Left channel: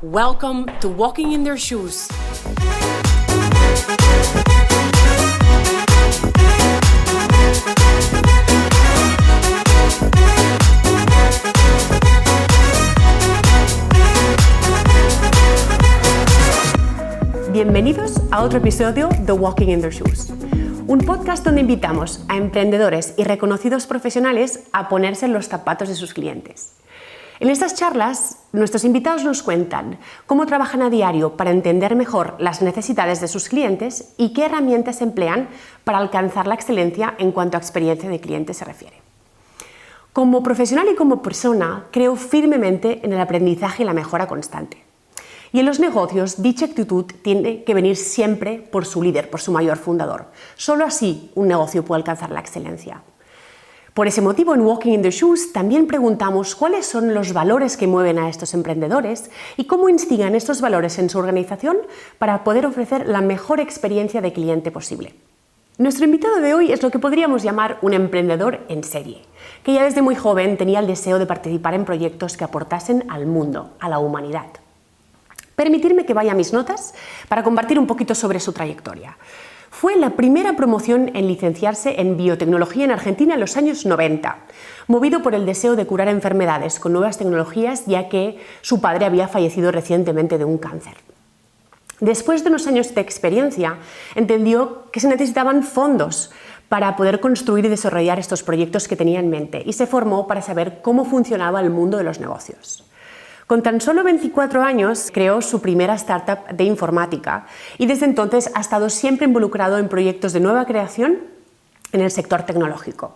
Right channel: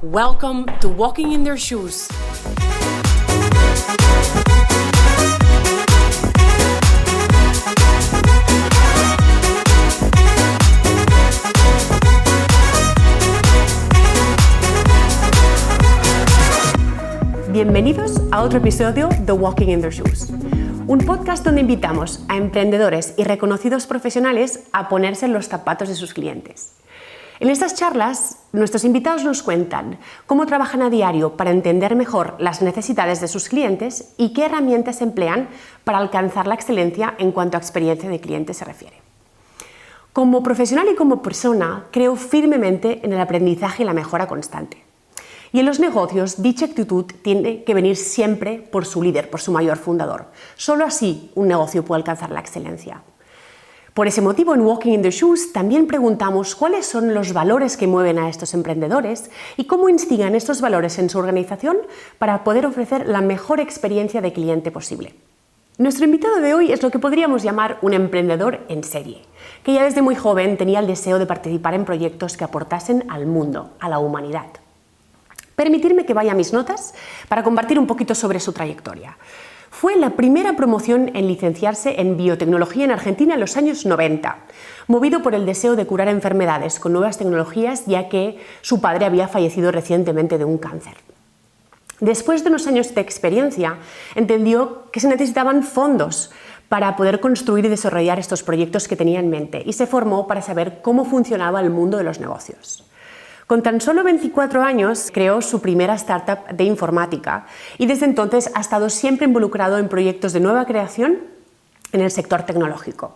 Welcome to Walking in Their Shoes. Bienvenidos a otro episodio de Walking in Their Shoes, un podcast donde invitamos a emprendedores y reconocidos profesionales a ponerse en los zapatos de sus clientes. En estas charlas, nuestros invitados nos cuentan cómo trabajan a diario para entender mejor las necesidades de sus clientes y qué herramientas emplean para alcanzar la excelencia en cuanto a experiencia de cliente se refiere. Como profesional y como persona, creo firmemente en el aprendizaje y la mejora constante. Y en los negocios, dicha actitud tiene que venir siempre por su líder, por su mayor fundador. Solo así un negocio puede alcanzar la excelencia. Por ese motivo, en Walking in the Shoes también preguntamos cuáles son los valores que mueven a estos emprendedores y cómo instigan estos valores en su organización para poder ofrecer la mejor experiencia de cliente posible. Nuestro invitado de hoy es lo que podríamos llamar un emprendedor en serie, que ya desde muy joven tenía el deseo de participar en proyectos que aportasen al mundo, a la humanidad. Permitirme que vaya a mis notas para compartir un poquito sobre su trayectoria. Fue la primera promoción en licenciarse en biotecnología en Argentina en los años 90, movido por el deseo de curar enfermedades con nuevas tecnologías, ya que su padre había fallecido recientemente de un cáncer. Después de unos años de experiencia, entendió que se necesitaban fondos para poder construir y desarrollar estos proyectos que tenía en mente y se formó para saber cómo funcionaba el mundo de los negocios. Con tan solo 24 años creó su primera startup de informática y desde entonces ha estado siempre involucrado en proyectos de nueva creación en el sector tecnológico.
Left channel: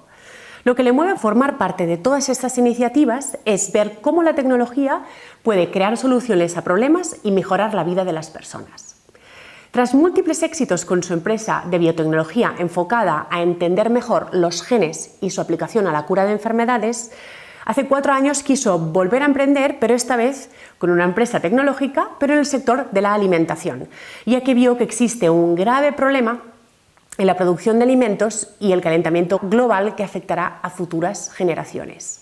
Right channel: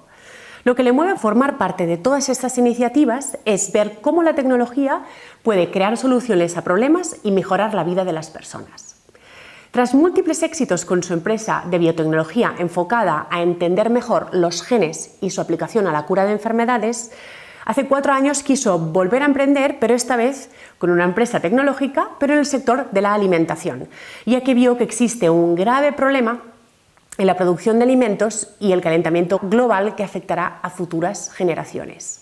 Lo que le mueve a formar parte de todas estas iniciativas es ver cómo la tecnología puede crear soluciones a problemas y mejorar la vida de las personas. Tras múltiples éxitos con su empresa de biotecnología enfocada a entender mejor los genes y su aplicación a la cura de enfermedades, hace 4 años quiso volver a emprender, pero esta vez con una empresa tecnológica, pero en el sector de la alimentación, ya que vio que existe un grave problema en la producción de alimentos y el calentamiento global que afectará a futuras generaciones.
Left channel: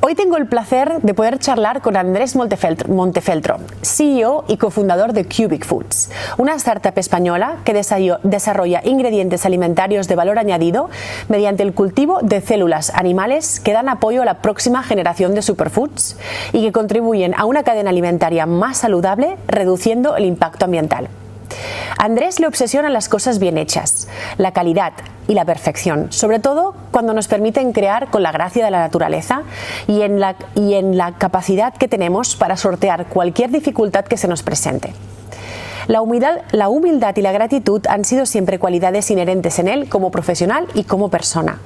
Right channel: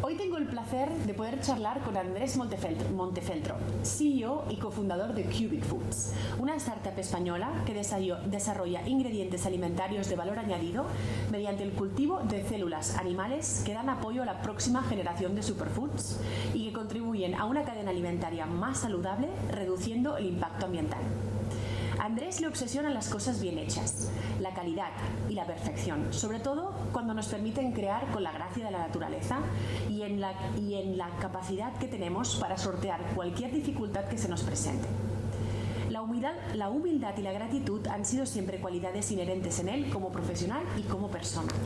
Hoy tengo el placer de poder charlar con Andrés Montefeltro, CEO y cofundador de Cubic Foods, una startup española que desarrolla ingredientes alimentarios de valor añadido mediante el cultivo de células animales que dan apoyo a la próxima generación de superfoods y que contribuyen a una cadena alimentaria más saludable, reduciendo el impacto ambiental. Andrés le obsesionan las cosas bien hechas, la calidad y la perfección, sobre todo cuando nos permiten crear con la gracia de la naturaleza y en la capacidad que tenemos para sortear cualquier dificultad que se nos presente. La humildad y la gratitud han sido siempre cualidades inherentes en él como profesional y como persona.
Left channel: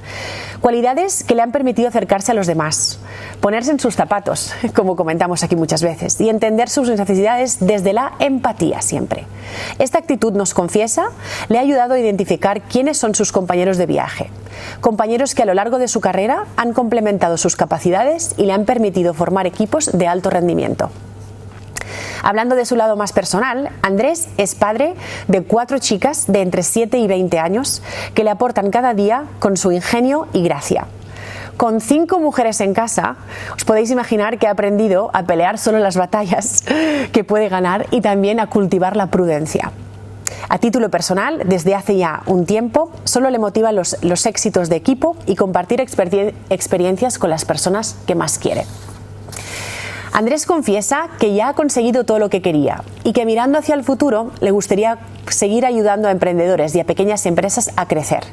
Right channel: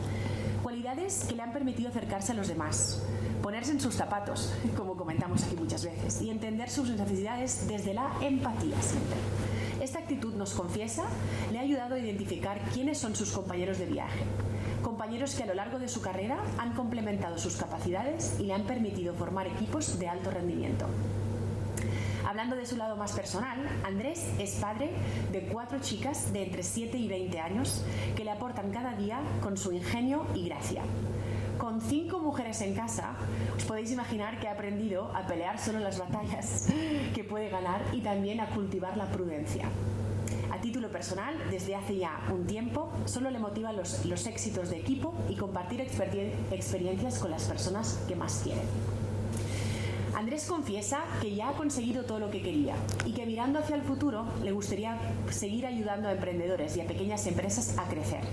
Cualidades que le han permitido acercarse a los demás, ponerse en sus zapatos, como comentamos aquí muchas veces, y entender sus necesidades desde la empatía siempre. Esta actitud, nos confiesa, le ha ayudado a identificar quiénes son sus compañeros de viaje. Compañeros que a lo largo de su carrera han complementado sus capacidades y le han permitido formar equipos de alto rendimiento. Hablando de su lado más personal, Andrés es padre de 4 chicas de entre 7 y 20 años que le aportan cada día con su ingenio y gracia. Con 5 mujeres en casa, os podéis imaginar que ha aprendido a pelear solo las batallas que puede ganar y también a cultivar la prudencia. A título personal, desde hace ya un tiempo, solo le motivan los éxitos de equipo y compartir experiencias con las personas que más quiere. Andrés confiesa que ya ha conseguido todo lo que quería y que mirando hacia el futuro le gustaría seguir ayudando a emprendedores y a pequeñas empresas a crecer,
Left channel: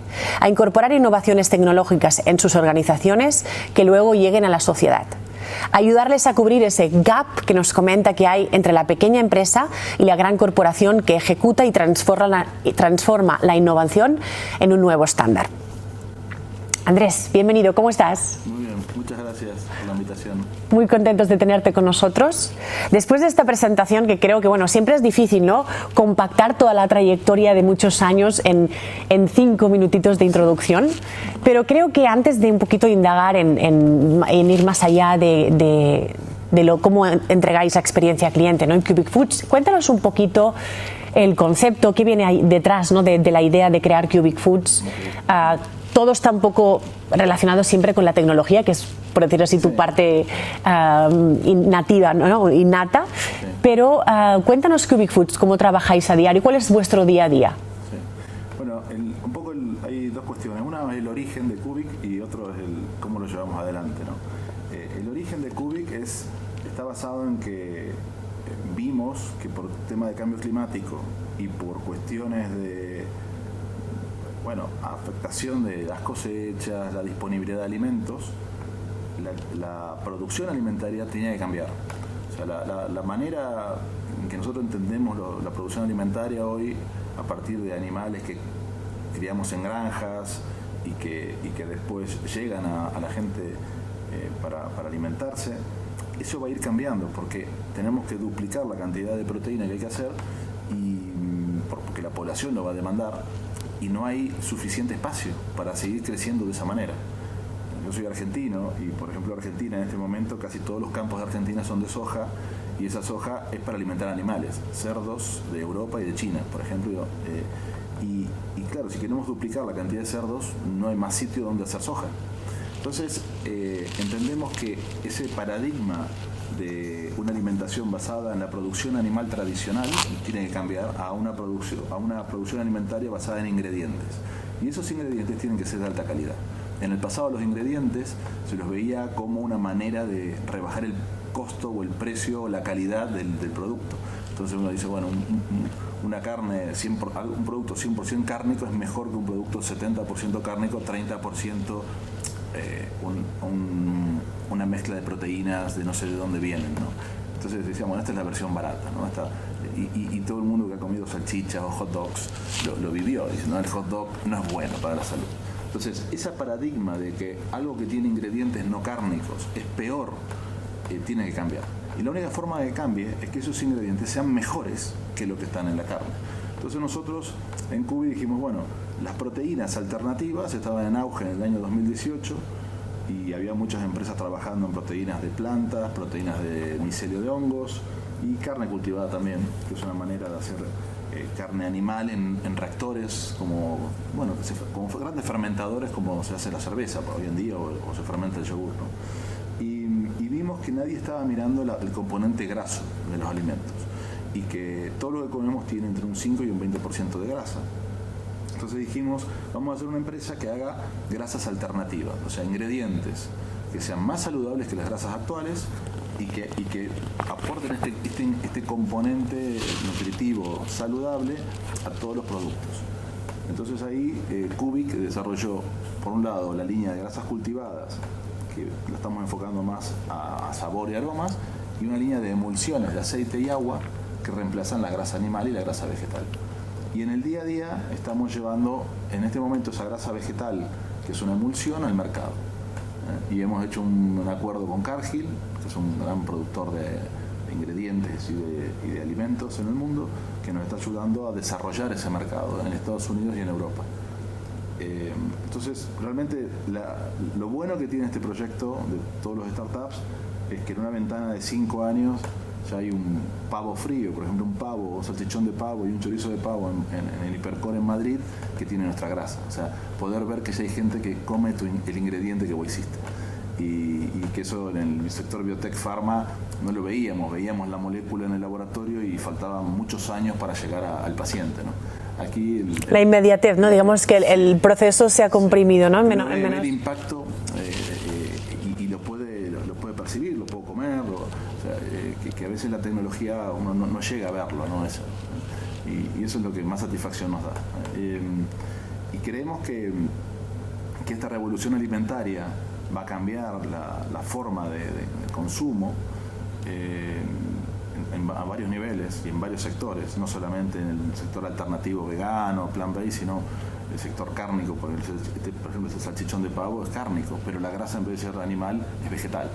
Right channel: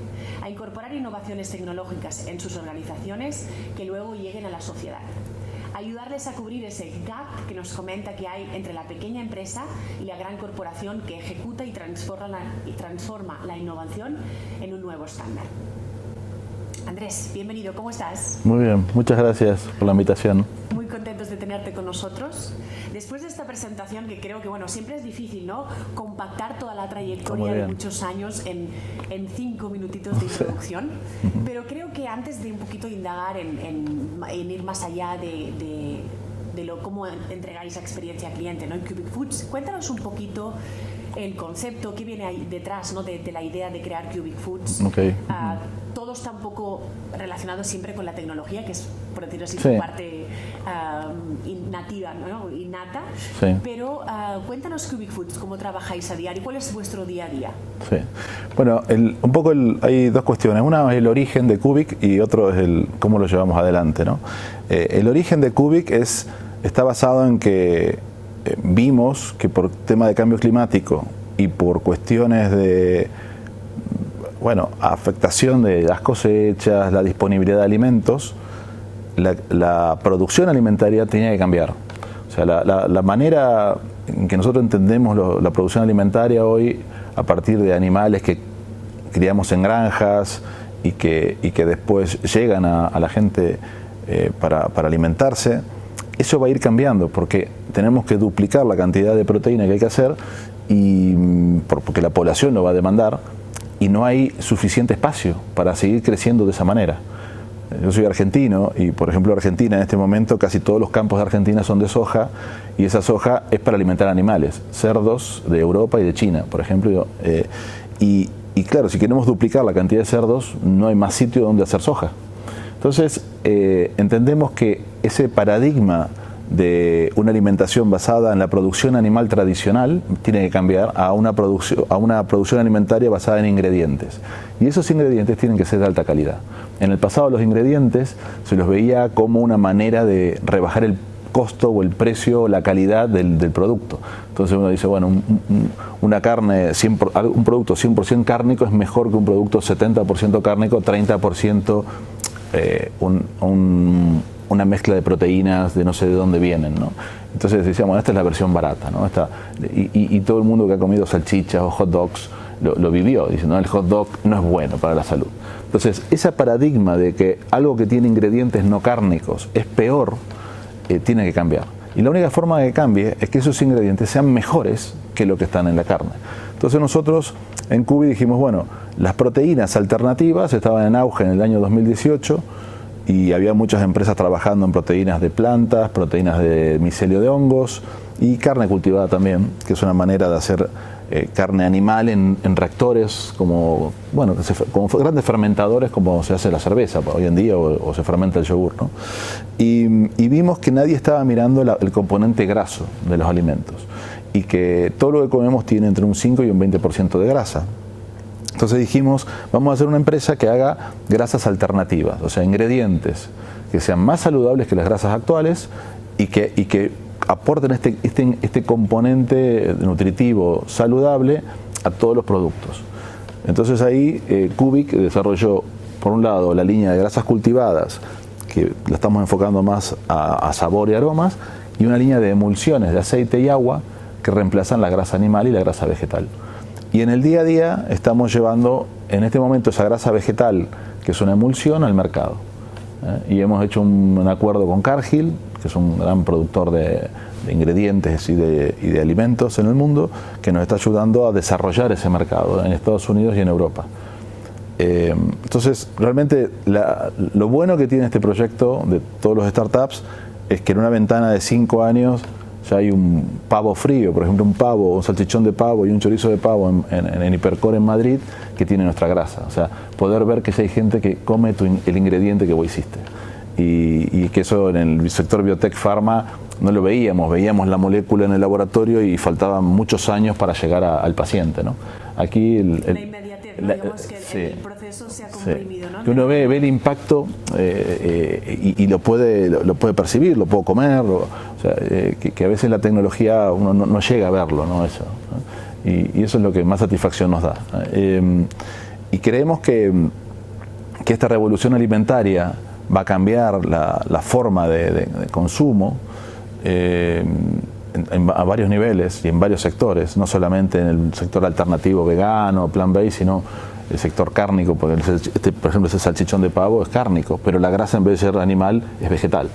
a incorporar innovaciones tecnológicas en sus organizaciones que luego lleguen a la sociedad. Ayudarles a cubrir ese gap que nos comenta que hay entre la pequeña empresa y la gran corporación que ejecuta y transforma la innovación en un nuevo estándar. Andrés, bienvenido, ¿cómo estás? Muy bien, muchas gracias por la invitación. Muy contentos de tenerte con nosotros. Después de esta presentación, que creo que siempre es difícil, ¿no?, compactar toda la trayectoria de muchos años en 5 minutitos de introducción, pero creo que antes de un poquito indagar en ir más allá de cómo entregáis la experiencia al cliente, ¿no?, en Cubic Foods, cuéntanos un poquito el concepto, qué viene ahí detrás, ¿no?, de la idea de crear Cubic Foods. Okay. Todo está un poco relacionado siempre con la tecnología, que es por decir así, tu Sí. parte nativa, ¿no? Innata. Sí. Pero cuéntanos Cubic Foods, ¿cómo trabajáis a diario? ¿Cuál es vuestro día a día? Sí. Bueno, hay dos cuestiones. Una es el origen de Cubic y otro es cómo lo llevamos adelante, ¿no? El origen de Cubic está basado en que vimos que por tema de cambio climático y por cuestiones de afectación de las cosechas, la disponibilidad de alimentos, la producción alimentaria tenía que cambiar. O sea, la manera en que nosotros entendemos la producción alimentaria hoy, a partir de animales que criamos en granjas y que después llegan a la gente para alimentarse, eso va a ir cambiando porque tenemos que duplicar la cantidad de proteína que hay que hacer porque la población lo va a demandar y no hay suficiente espacio para seguir creciendo de esa manera. Yo soy argentino y, por ejemplo, Argentina en este momento, casi todos los campos de Argentina son de soja y esa soja es para alimentar animales, cerdos de Europa y de China, por ejemplo. Y claro, si queremos duplicar la cantidad de cerdos, no hay más sitio donde hacer soja. Entonces, entendemos que ese paradigma de una alimentación basada en la producción animal tradicional tiene que cambiar a una producción alimentaria basada en ingredientes. Y esos ingredientes tienen que ser de alta calidad. En el pasado los ingredientes se los veía como una manera de rebajar el costo o el precio o la calidad del producto. Entonces uno dice, bueno, una carne, un producto 100% cárnico es mejor que un producto 70% cárnico, 30% una mezcla de proteínas de no sé de dónde vienen, ¿no? Entonces decíamos, esta es la versión barata, ¿no? Y todo el mundo que ha comido salchichas o hot dogs lo vivió, diciendo, el hot dog no es bueno para la salud. Entonces, ese paradigma de que algo que tiene ingredientes no cárnicos es peor, tiene que cambiar. Y la única forma de que cambie es que esos ingredientes sean mejores que lo que están en la carne. Entonces nosotros en Cubi dijimos, bueno, las proteínas alternativas estaban en auge en el año 2018 y había muchas empresas trabajando en proteínas de plantas, proteínas de micelio de hongos y carne cultivada también, que es una manera de hacer carne animal en reactores como grandes fermentadores como se hace la cerveza hoy en día o se fermenta el yogur, ¿no? Y vimos que nadie estaba mirando el componente graso de los alimentos y que todo lo que comemos tiene entre un 5 y un 20% de grasa. Entonces dijimos, vamos a hacer una empresa que haga grasas alternativas, o sea, ingredientes que sean más saludables que las grasas actuales y que aporten este componente nutritivo saludable a todos los productos. Entonces ahí Cubic desarrolló, por un lado, la línea de grasas cultivadas, que la estamos enfocando más a sabor y aromas, y una línea de emulsiones de aceite y agua que reemplazan la grasa animal y la grasa vegetal. Y en el día a día estamos llevando en este momento esa grasa vegetal, que es una emulsión, al mercado. Y hemos hecho un acuerdo con Cargill, que es un gran productor de ingredientes y de alimentos en el mundo, que nos está ayudando a desarrollar ese mercado en Estados Unidos y en Europa. Entonces, realmente lo bueno que tiene este proyecto de todos los startups es que en una ventana de 5 años ya hay un pavo frío, por ejemplo un pavo, un salchichón de pavo y un chorizo de pavo en Hipercor en Madrid que tiene nuestra grasa. O sea, poder ver que si hay gente que come el ingrediente que vos hiciste. Y que eso en el sector biotech pharma no lo veíamos la molécula en el laboratorio y faltaban muchos años para llegar al paciente, ¿no? Aquí la inmediatez, ¿no? Digamos que el proceso se ha comprimido, ¿no? Uno ve el impacto y lo puede percibir, lo puedo comer, o sea, que a veces la tecnología uno no llega a verlo, ¿no? Eso, ¿no? Y eso es lo que más satisfacción nos da. Y creemos que esta revolución alimentaria va a cambiar la forma de consumo a varios niveles y en varios sectores, no solamente en el sector alternativo vegano, plant-based, sino el sector cárnico, por ejemplo, ese salchichón de pavo es cárnico, pero la grasa en vez de ser animal es vegetal.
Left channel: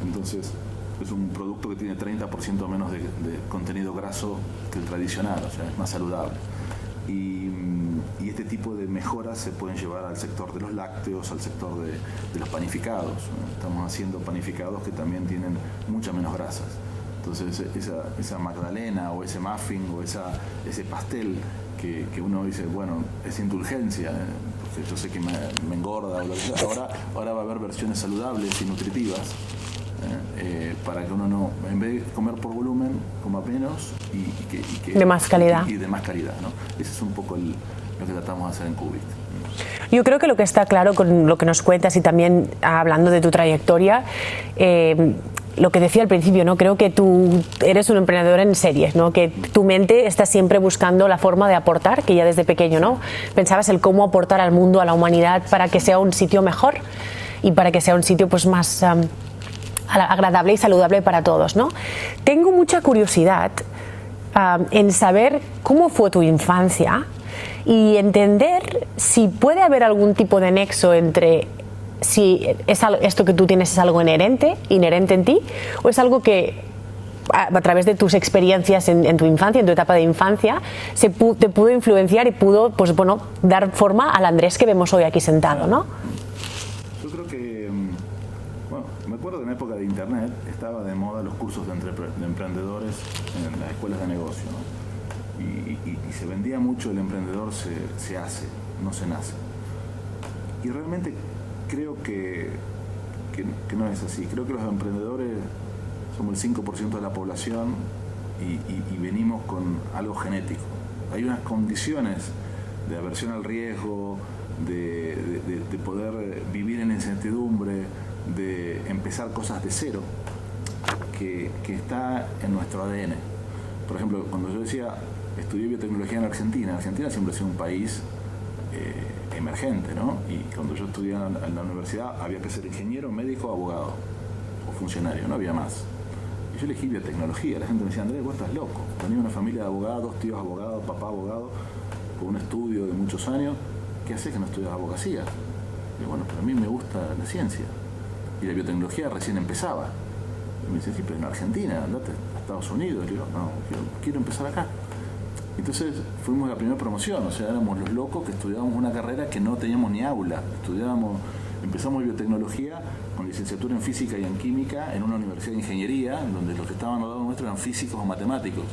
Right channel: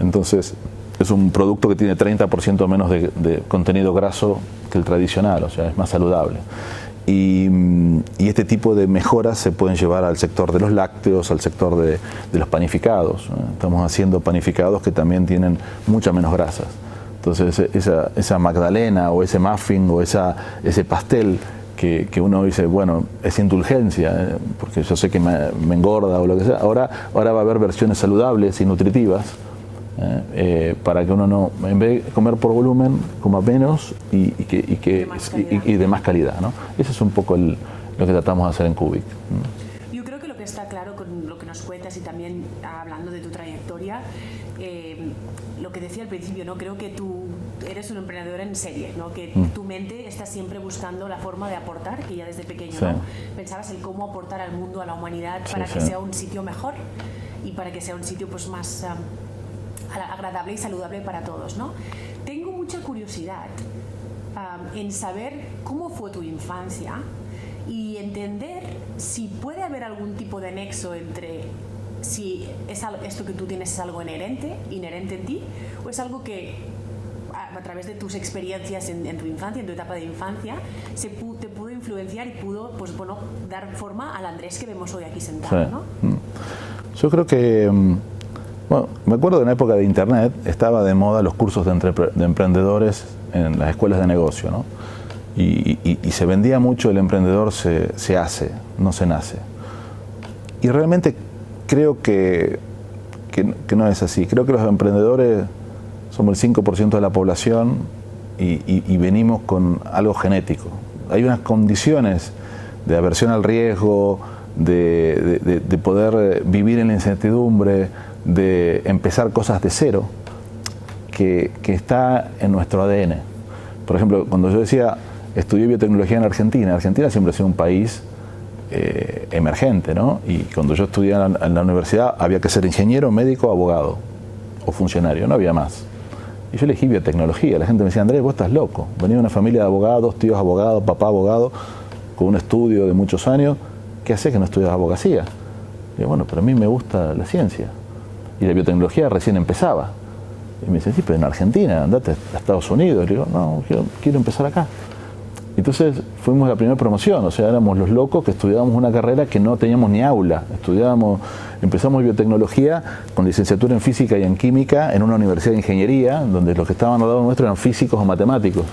Entonces es un producto que tiene 30% menos de contenido graso que el tradicional, o sea, es más saludable. Y este tipo de mejoras se pueden llevar al sector de los lácteos, al sector de los panificados, ¿no? Estamos haciendo panificados que también tienen muchas menos grasas. Entonces esa magdalena o ese muffin o ese pastel que uno dice, bueno, es indulgencia, porque yo sé que me engorda o lo que sea. Ahora va a haber versiones saludables y nutritivas, para que uno no, en vez de comer por volumen, coma menos y de más calidad. Y de más calidad, ¿no? Ese es un poco lo que tratamos de hacer en Cubic. Yo creo que lo que está claro con lo que nos cuentas y también hablando de tu trayectoria, lo que decía al principio, ¿no? Creo que tú eres un emprendedor en series, ¿no? Que tu mente está siempre buscando la forma de aportar, que ya desde pequeño, ¿no? Pensabas el cómo aportar al mundo, a la humanidad, para que sea un sitio mejor y para que sea un sitio pues más agradable y saludable para todos, ¿no? Tengo mucha curiosidad en saber cómo fue tu infancia y entender si puede haber algún tipo de nexo entre si esto que tú tienes es algo inherente en ti, o es algo que a través de tus experiencias en tu infancia, en tu etapa de infancia, te pudo influenciar y pudo, pues bueno, dar forma al Andrés que vemos hoy aquí sentado, ¿no? Yo creo que, bueno, me acuerdo de una época de internet, estaba de moda los cursos de emprendedores en las escuelas de negocio, ¿no? Y se vendía mucho el emprendedor se hace, no se nace. Y realmente creo que no es así. Creo que los emprendedores somos el 5% de la población y venimos con algo genético. Hay unas condiciones de aversión al riesgo, de poder vivir en la incertidumbre, de empezar cosas de cero, que está en nuestro ADN. Por ejemplo, cuando yo decía, estudié biotecnología en Argentina siempre ha sido un país emergente, ¿no? Y cuando yo estudié en la universidad había que ser ingeniero, médico, abogado o funcionario, no había más. Y yo elegí biotecnología. La gente me decía, Andrés, vos estás loco. Venía de una familia de abogados, tíos abogados, papá abogado, con un estudio de muchos años. ¿Qué haces que no estudias abogacía? Y yo, bueno, pero a mí me gusta la ciencia. Y la biotecnología recién empezaba. Y me dice, sí, pero en Argentina, andate a Estados Unidos. Y le digo, no, quiero empezar acá. Entonces fuimos la primera promoción, o sea, éramos los locos que estudiábamos una carrera que no teníamos ni aula. Empezamos biotecnología con licenciatura en física y en química en una universidad de ingeniería, donde los que estaban al lado nuestro eran físicos o matemáticos.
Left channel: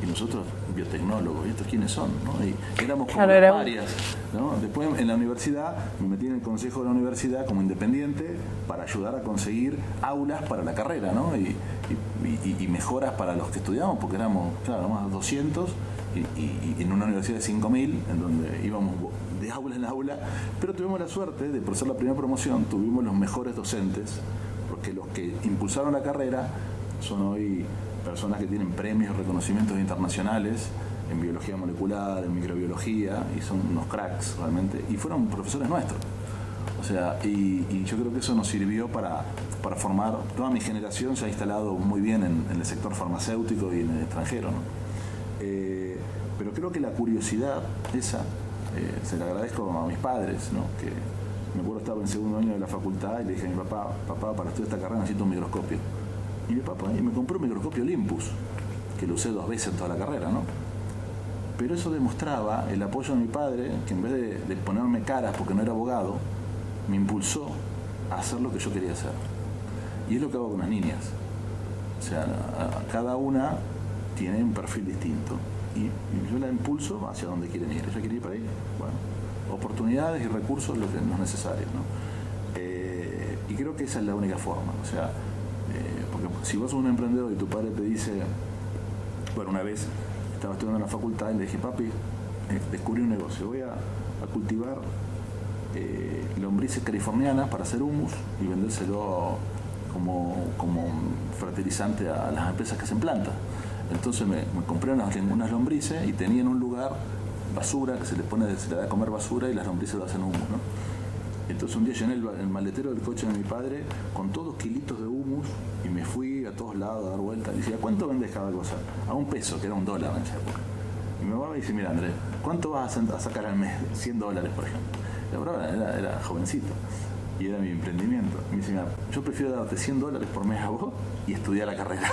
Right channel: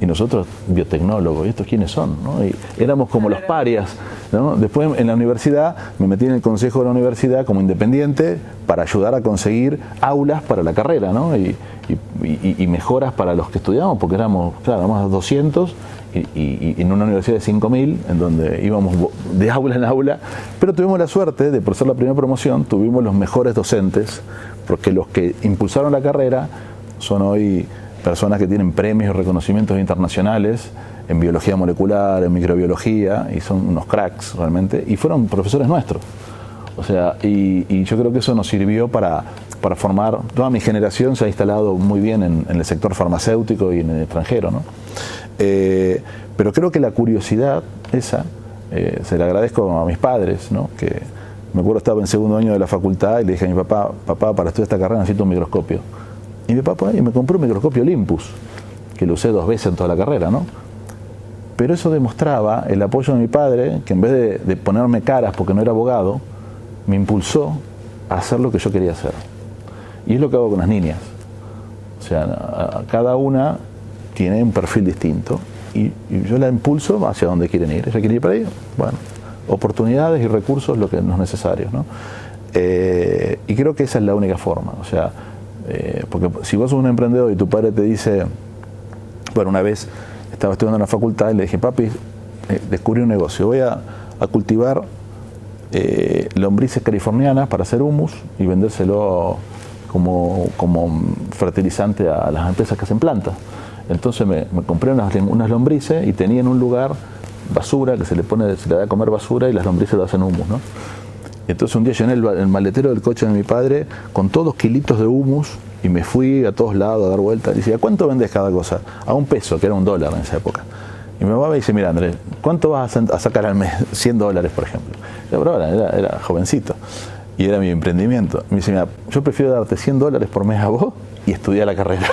Y nosotros, biotecnólogos, ¿y estos quiénes son? ¿No? Y éramos como los parias, ¿no? Después en la universidad me metí en el consejo de la universidad como independiente para ayudar a conseguir aulas para la carrera, ¿no? Y mejoras para los que estudiábamos, porque éramos 200 y en una universidad de 5.000, en donde íbamos de aula en aula, pero tuvimos la suerte de, por ser la primera promoción, tuvimos los mejores docentes, porque los que impulsaron la carrera son hoy personas que tienen premios y reconocimientos internacionales en biología molecular, en microbiología, y son unos cracks realmente, y fueron profesores nuestros. O sea, y yo creo que eso nos sirvió para formar. Toda mi generación se ha instalado muy bien en el sector farmacéutico y en el extranjero, ¿no? Pero creo que la curiosidad esa, se la agradezco a mis padres, ¿no? Que me acuerdo, estaba en segundo año de la facultad y le dije a mi papá, para estudiar esta carrera necesito un microscopio. Y mi papá me compró un microscopio Olympus, que lo usé 2 veces en toda la carrera, ¿no? Pero eso demostraba el apoyo de mi padre, que en vez de ponerme caras porque no era abogado, me impulsó a hacer lo que yo quería hacer. Y es lo que hago con las niñas. O sea, cada una tiene un perfil distinto y yo la impulso hacia donde quieren ir. ¿Ella quiere ir para ahí? Bueno, oportunidades y recursos lo que es necesarios, ¿no? Y creo que esa es la única forma. O sea, porque si vos sos un emprendedor y tu padre te dice, bueno, una vez estaba estudiando en la facultad y le dije, papi, descubrí un negocio, voy a cultivar lombrices californianas para hacer humus y vendérselo como fertilizante a las empresas que hacen plantas. Entonces me compré unas lombrices y tenía en un lugar basura, que se le da a comer basura y las lombrices lo hacen humus, ¿no? Y entonces un día llené el maletero del coche de mi padre con todos kilitos de humus y me fui a todos lados a dar vueltas. Y decía, ¿cuánto vendes cada cosa? A $1, que era $1 en esa época. Y mi mamá me dice, mira, Andrés, ¿cuánto vas a sacar al mes? $100, por ejemplo. Yo, pero era jovencito y era mi emprendimiento. Me dice, mira, yo prefiero darte $100 por mes a vos y estudiar la carrera,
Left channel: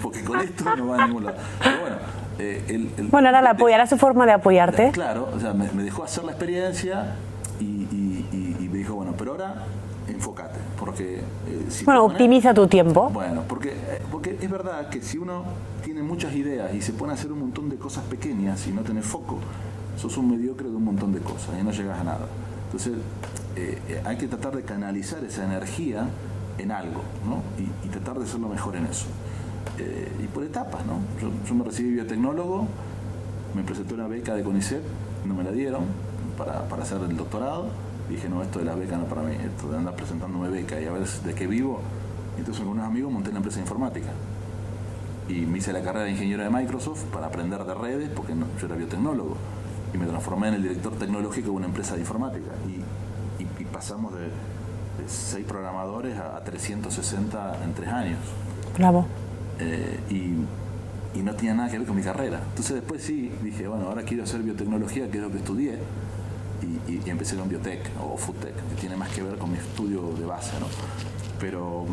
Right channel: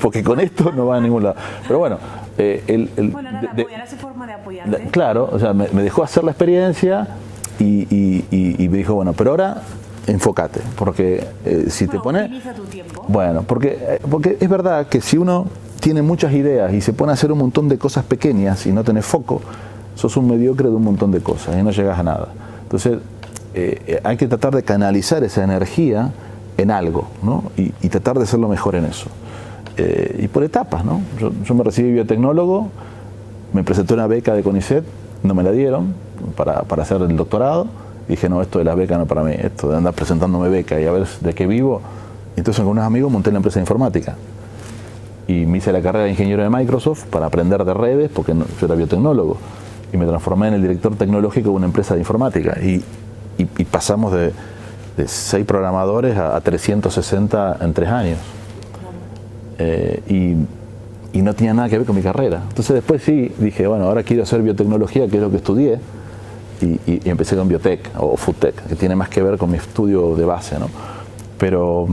porque con esto no va a ningún lado. Pero bueno, bueno, ahora la apoyará su forma de apoyarte. Claro, o sea, me dejó hacer la experiencia y me dijo, bueno, pero ahora enfócate, porque si te pones, optimiza tu tiempo. Bueno, porque es verdad que si uno tiene muchas ideas y se pone a hacer un montón de cosas pequeñas y no tenés foco, sos un mediocre de un montón de cosas y no llegas a nada. Entonces hay que tratar de canalizar esa energía en algo, ¿no? y tratar de ser lo mejor en eso. Y por etapas, ¿no? Yo me recibí biotecnólogo, me presenté una beca de CONICET, no me la dieron para hacer el doctorado. Dije, no, esto de la beca no para mí, esto de andar presentándome beca y a ver de qué vivo. Entonces con unos amigos monté la empresa de informática. Y me hice la carrera de ingeniero de Microsoft para aprender de redes, porque yo era biotecnólogo. Y me transformé en el director tecnológico de una empresa de informática. Y pasamos de 6 programadores a 360 en 3 años. Bravo. Y no tenía nada que ver con mi carrera. Entonces después sí dije, bueno, ahora quiero hacer biotecnología, que es lo que estudié, y empecé con biotech o foodtech, que tiene más que ver con mi estudio de base, ¿no? Pero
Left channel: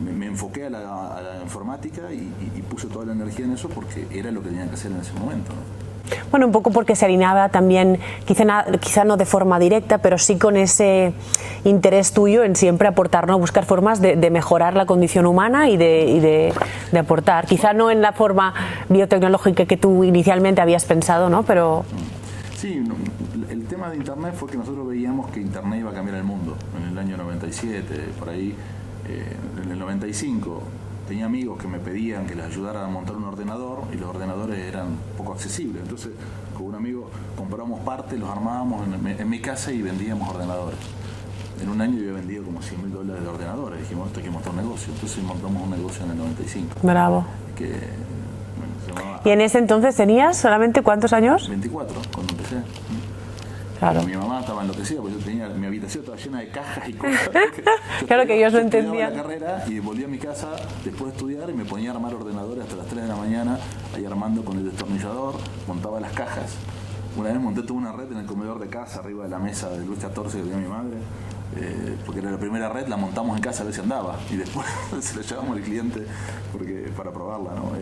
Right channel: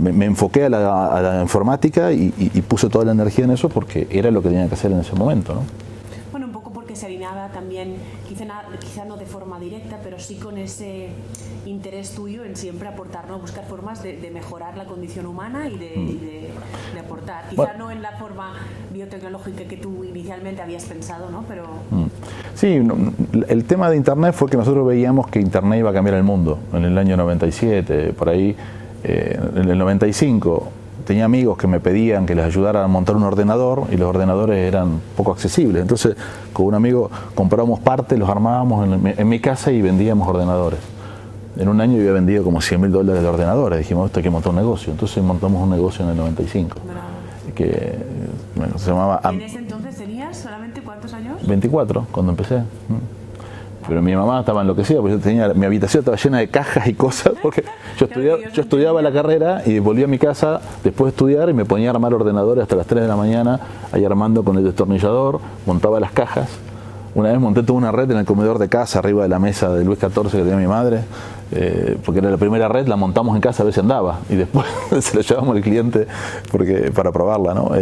me enfoqué a la informática y puse toda la energía en eso porque era lo que tenía que hacer en ese momento, ¿no? Bueno, un poco porque se alineaba también, quizá no de forma directa, pero sí con ese interés tuyo en siempre aportar, ¿no? Buscar formas de mejorar la condición humana y de aportar. Quizá no en la forma biotecnológica que tú inicialmente habías pensado, ¿no? Pero... Sí, el tema de Internet fue que nosotros veíamos que Internet iba a cambiar el mundo. En el año 97, por ahí, en el 95... tenía amigos que me pedían que les ayudara a montar un ordenador y los ordenadores eran poco accesibles. Entonces, con un amigo comprábamos partes, los armábamos en mi casa y vendíamos ordenadores. En un año yo había vendido como $100.000 de ordenadores. Dijimos, esto hay que montar un negocio. Entonces montamos un negocio en el 95. Bravo. Que se llamaba... ¿Y en ese entonces tenías solamente cuántos años? 24, cuando empecé. Claro. Pero mi mamá estaba enloquecida porque yo tenía, mi habitación estaba llena de cajas y cosas porque yo, claro, yo estudiaba la carrera y volvía a mi casa después de estudiar y me ponía a armar ordenadores hasta las 3 de la mañana, ahí armando con el destornillador, montaba las cajas. Una vez monté toda una red en el comedor de casa, arriba de la mesa de Luis XIV que tenía mi madre, porque era la primera red, la montamos en casa a ver si andaba y después se la llevamos al cliente para probarla, ¿no?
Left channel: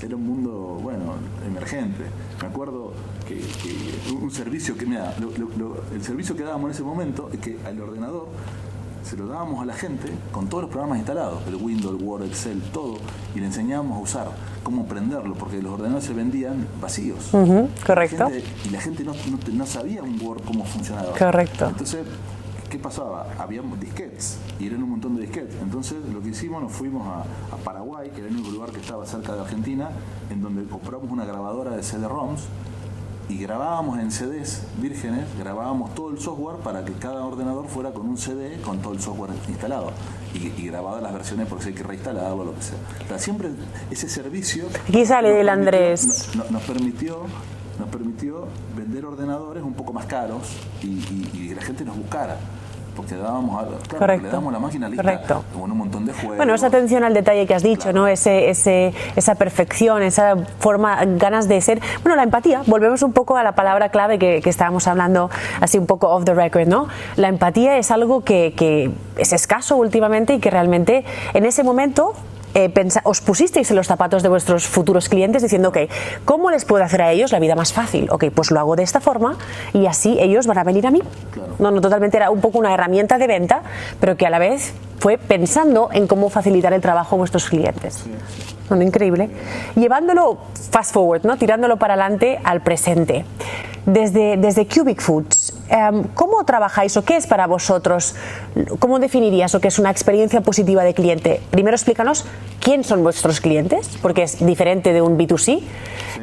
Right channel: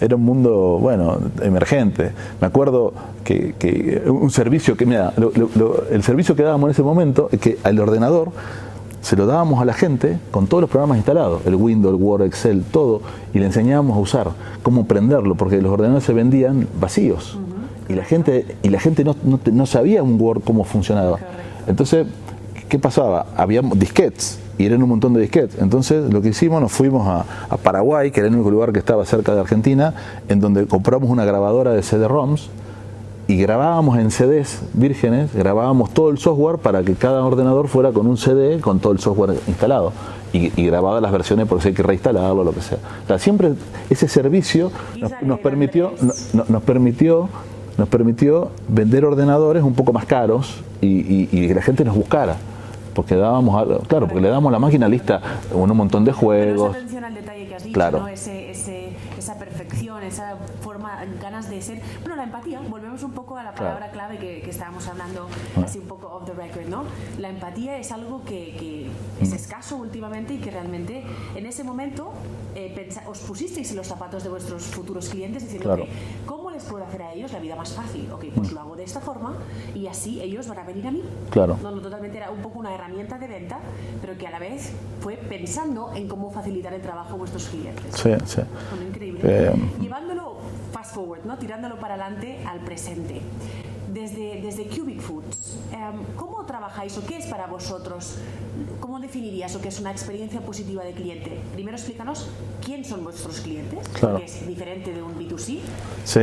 Era un mundo, bueno, emergente. Me acuerdo que un servicio que, mira, el servicio que dábamos en ese momento es que al ordenador se lo dábamos a la gente con todos los programas instalados, el Windows, el Word, Excel, todo, y le enseñábamos a usar, cómo prenderlo, porque los ordenadores se vendían vacíos. Correcto. Y la gente no sabía un Word cómo funcionaba. Correcto. Entonces, ¿qué pasaba? Había disquetes, y eran un montón de disquetes. Entonces, lo que hicimos, nos fuimos a Paraguay, que era el único lugar que estaba cerca de Argentina, en donde compramos una grabadora de CD-ROMs, y grabábamos en CDs vírgenes, grabábamos todo el software para que cada ordenador fuera con un CD con todo el software instalado y grababa las versiones por si hay que reinstalarlo o lo que sea. O sea, siempre ese servicio nos permitió vender ordenadores un poco más caros y que la gente nos buscara. Porque porque le damos la máquina lista con un montón de juegos. Bueno, esa atención al detalle que has dicho, claro, ¿no? Esa perfección, esa forma, ganas de ser. Bueno, la empatía, volvemos un poco a la palabra clave que estábamos hablando así un poco off the record, ¿no? La empatía es algo que es escaso últimamente y que realmente en ese momento os pusisteis en los zapatos de vuestros futuros clientes diciendo, claro, ok, ¿cómo les puedo hacer a ellos la vida más fácil? Ok, pues lo hago de esta forma y así ellos van a venir a mí. Claro. No, totalmente era un poco una herramienta de venta, pero que a la vez fue pensando en cómo facilitar el trabajo a vuestros clientes. Sí, sí. Bueno, increíble. Llevándolo fast forward, ¿no? Tirándolo para adelante al presente. Desde Cubic Foods, ¿cómo trabajáis o qué es para vosotros? ¿Cómo definirías lo que es una experiencia positiva de cliente? Primero explícanos quién son vuestros clientes, claro, porque es diferente de un B2C. Sí.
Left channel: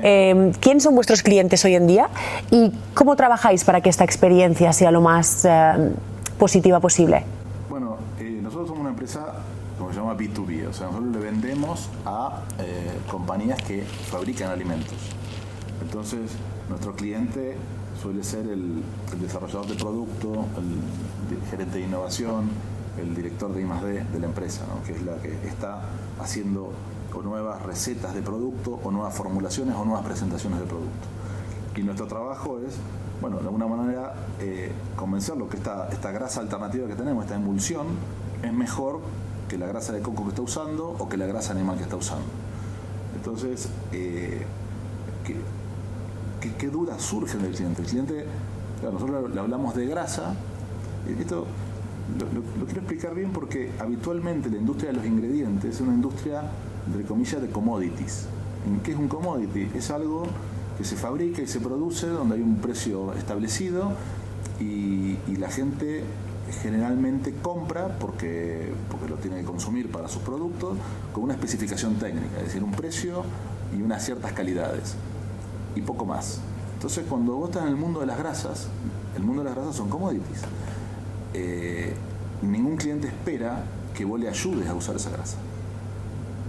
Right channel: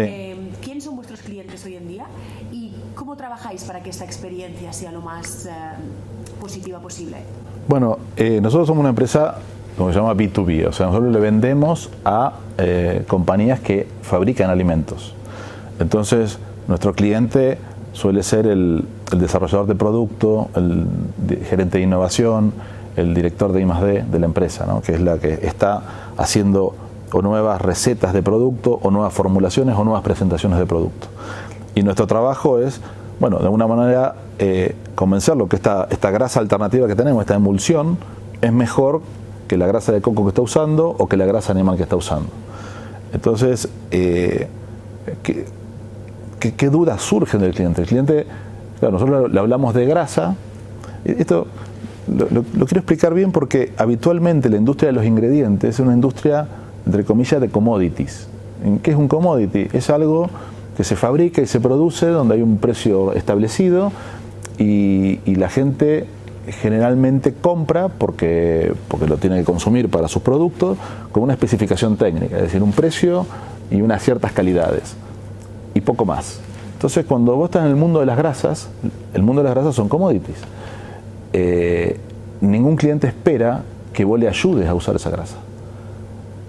¿Quién son vuestros clientes hoy en día? ¿Y cómo trabajáis para que esta experiencia sea lo más positiva posible? Bueno, nosotros somos una empresa, como se llama B2B, o sea, nosotros le vendemos a compañías que fabrican alimentos. Entonces, nuestro cliente suele ser el desarrollador de producto, el gerente de innovación, el director de I+D de la empresa, ¿no? Que es la que está haciendo o nuevas recetas de producto, o nuevas formulaciones, o nuevas presentaciones de producto. Y nuestro trabajo es, bueno, de alguna manera convencerlo que esta grasa alternativa que tenemos, esta emulsión, es mejor que la grasa de coco que está usando o que la grasa animal que está usando. Entonces, ¿qué dudas surgen del cliente? El cliente, claro, nosotros le hablamos de grasa. Esto lo quiero explicar bien porque habitualmente la industria de los ingredientes es una industria entre comillas, de commodities. ¿Qué es un commodity? Es algo que se fabrica y se produce donde hay un precio establecido y la gente generalmente compra porque lo tiene que consumir para sus productos con una especificación técnica, es decir, un precio y unas ciertas calidades y poco más. Entonces, cuando vos estás en el mundo de las grasas, el mundo de las grasas son commodities. Ningún cliente espera que vos le ayudes a usar esa grasa.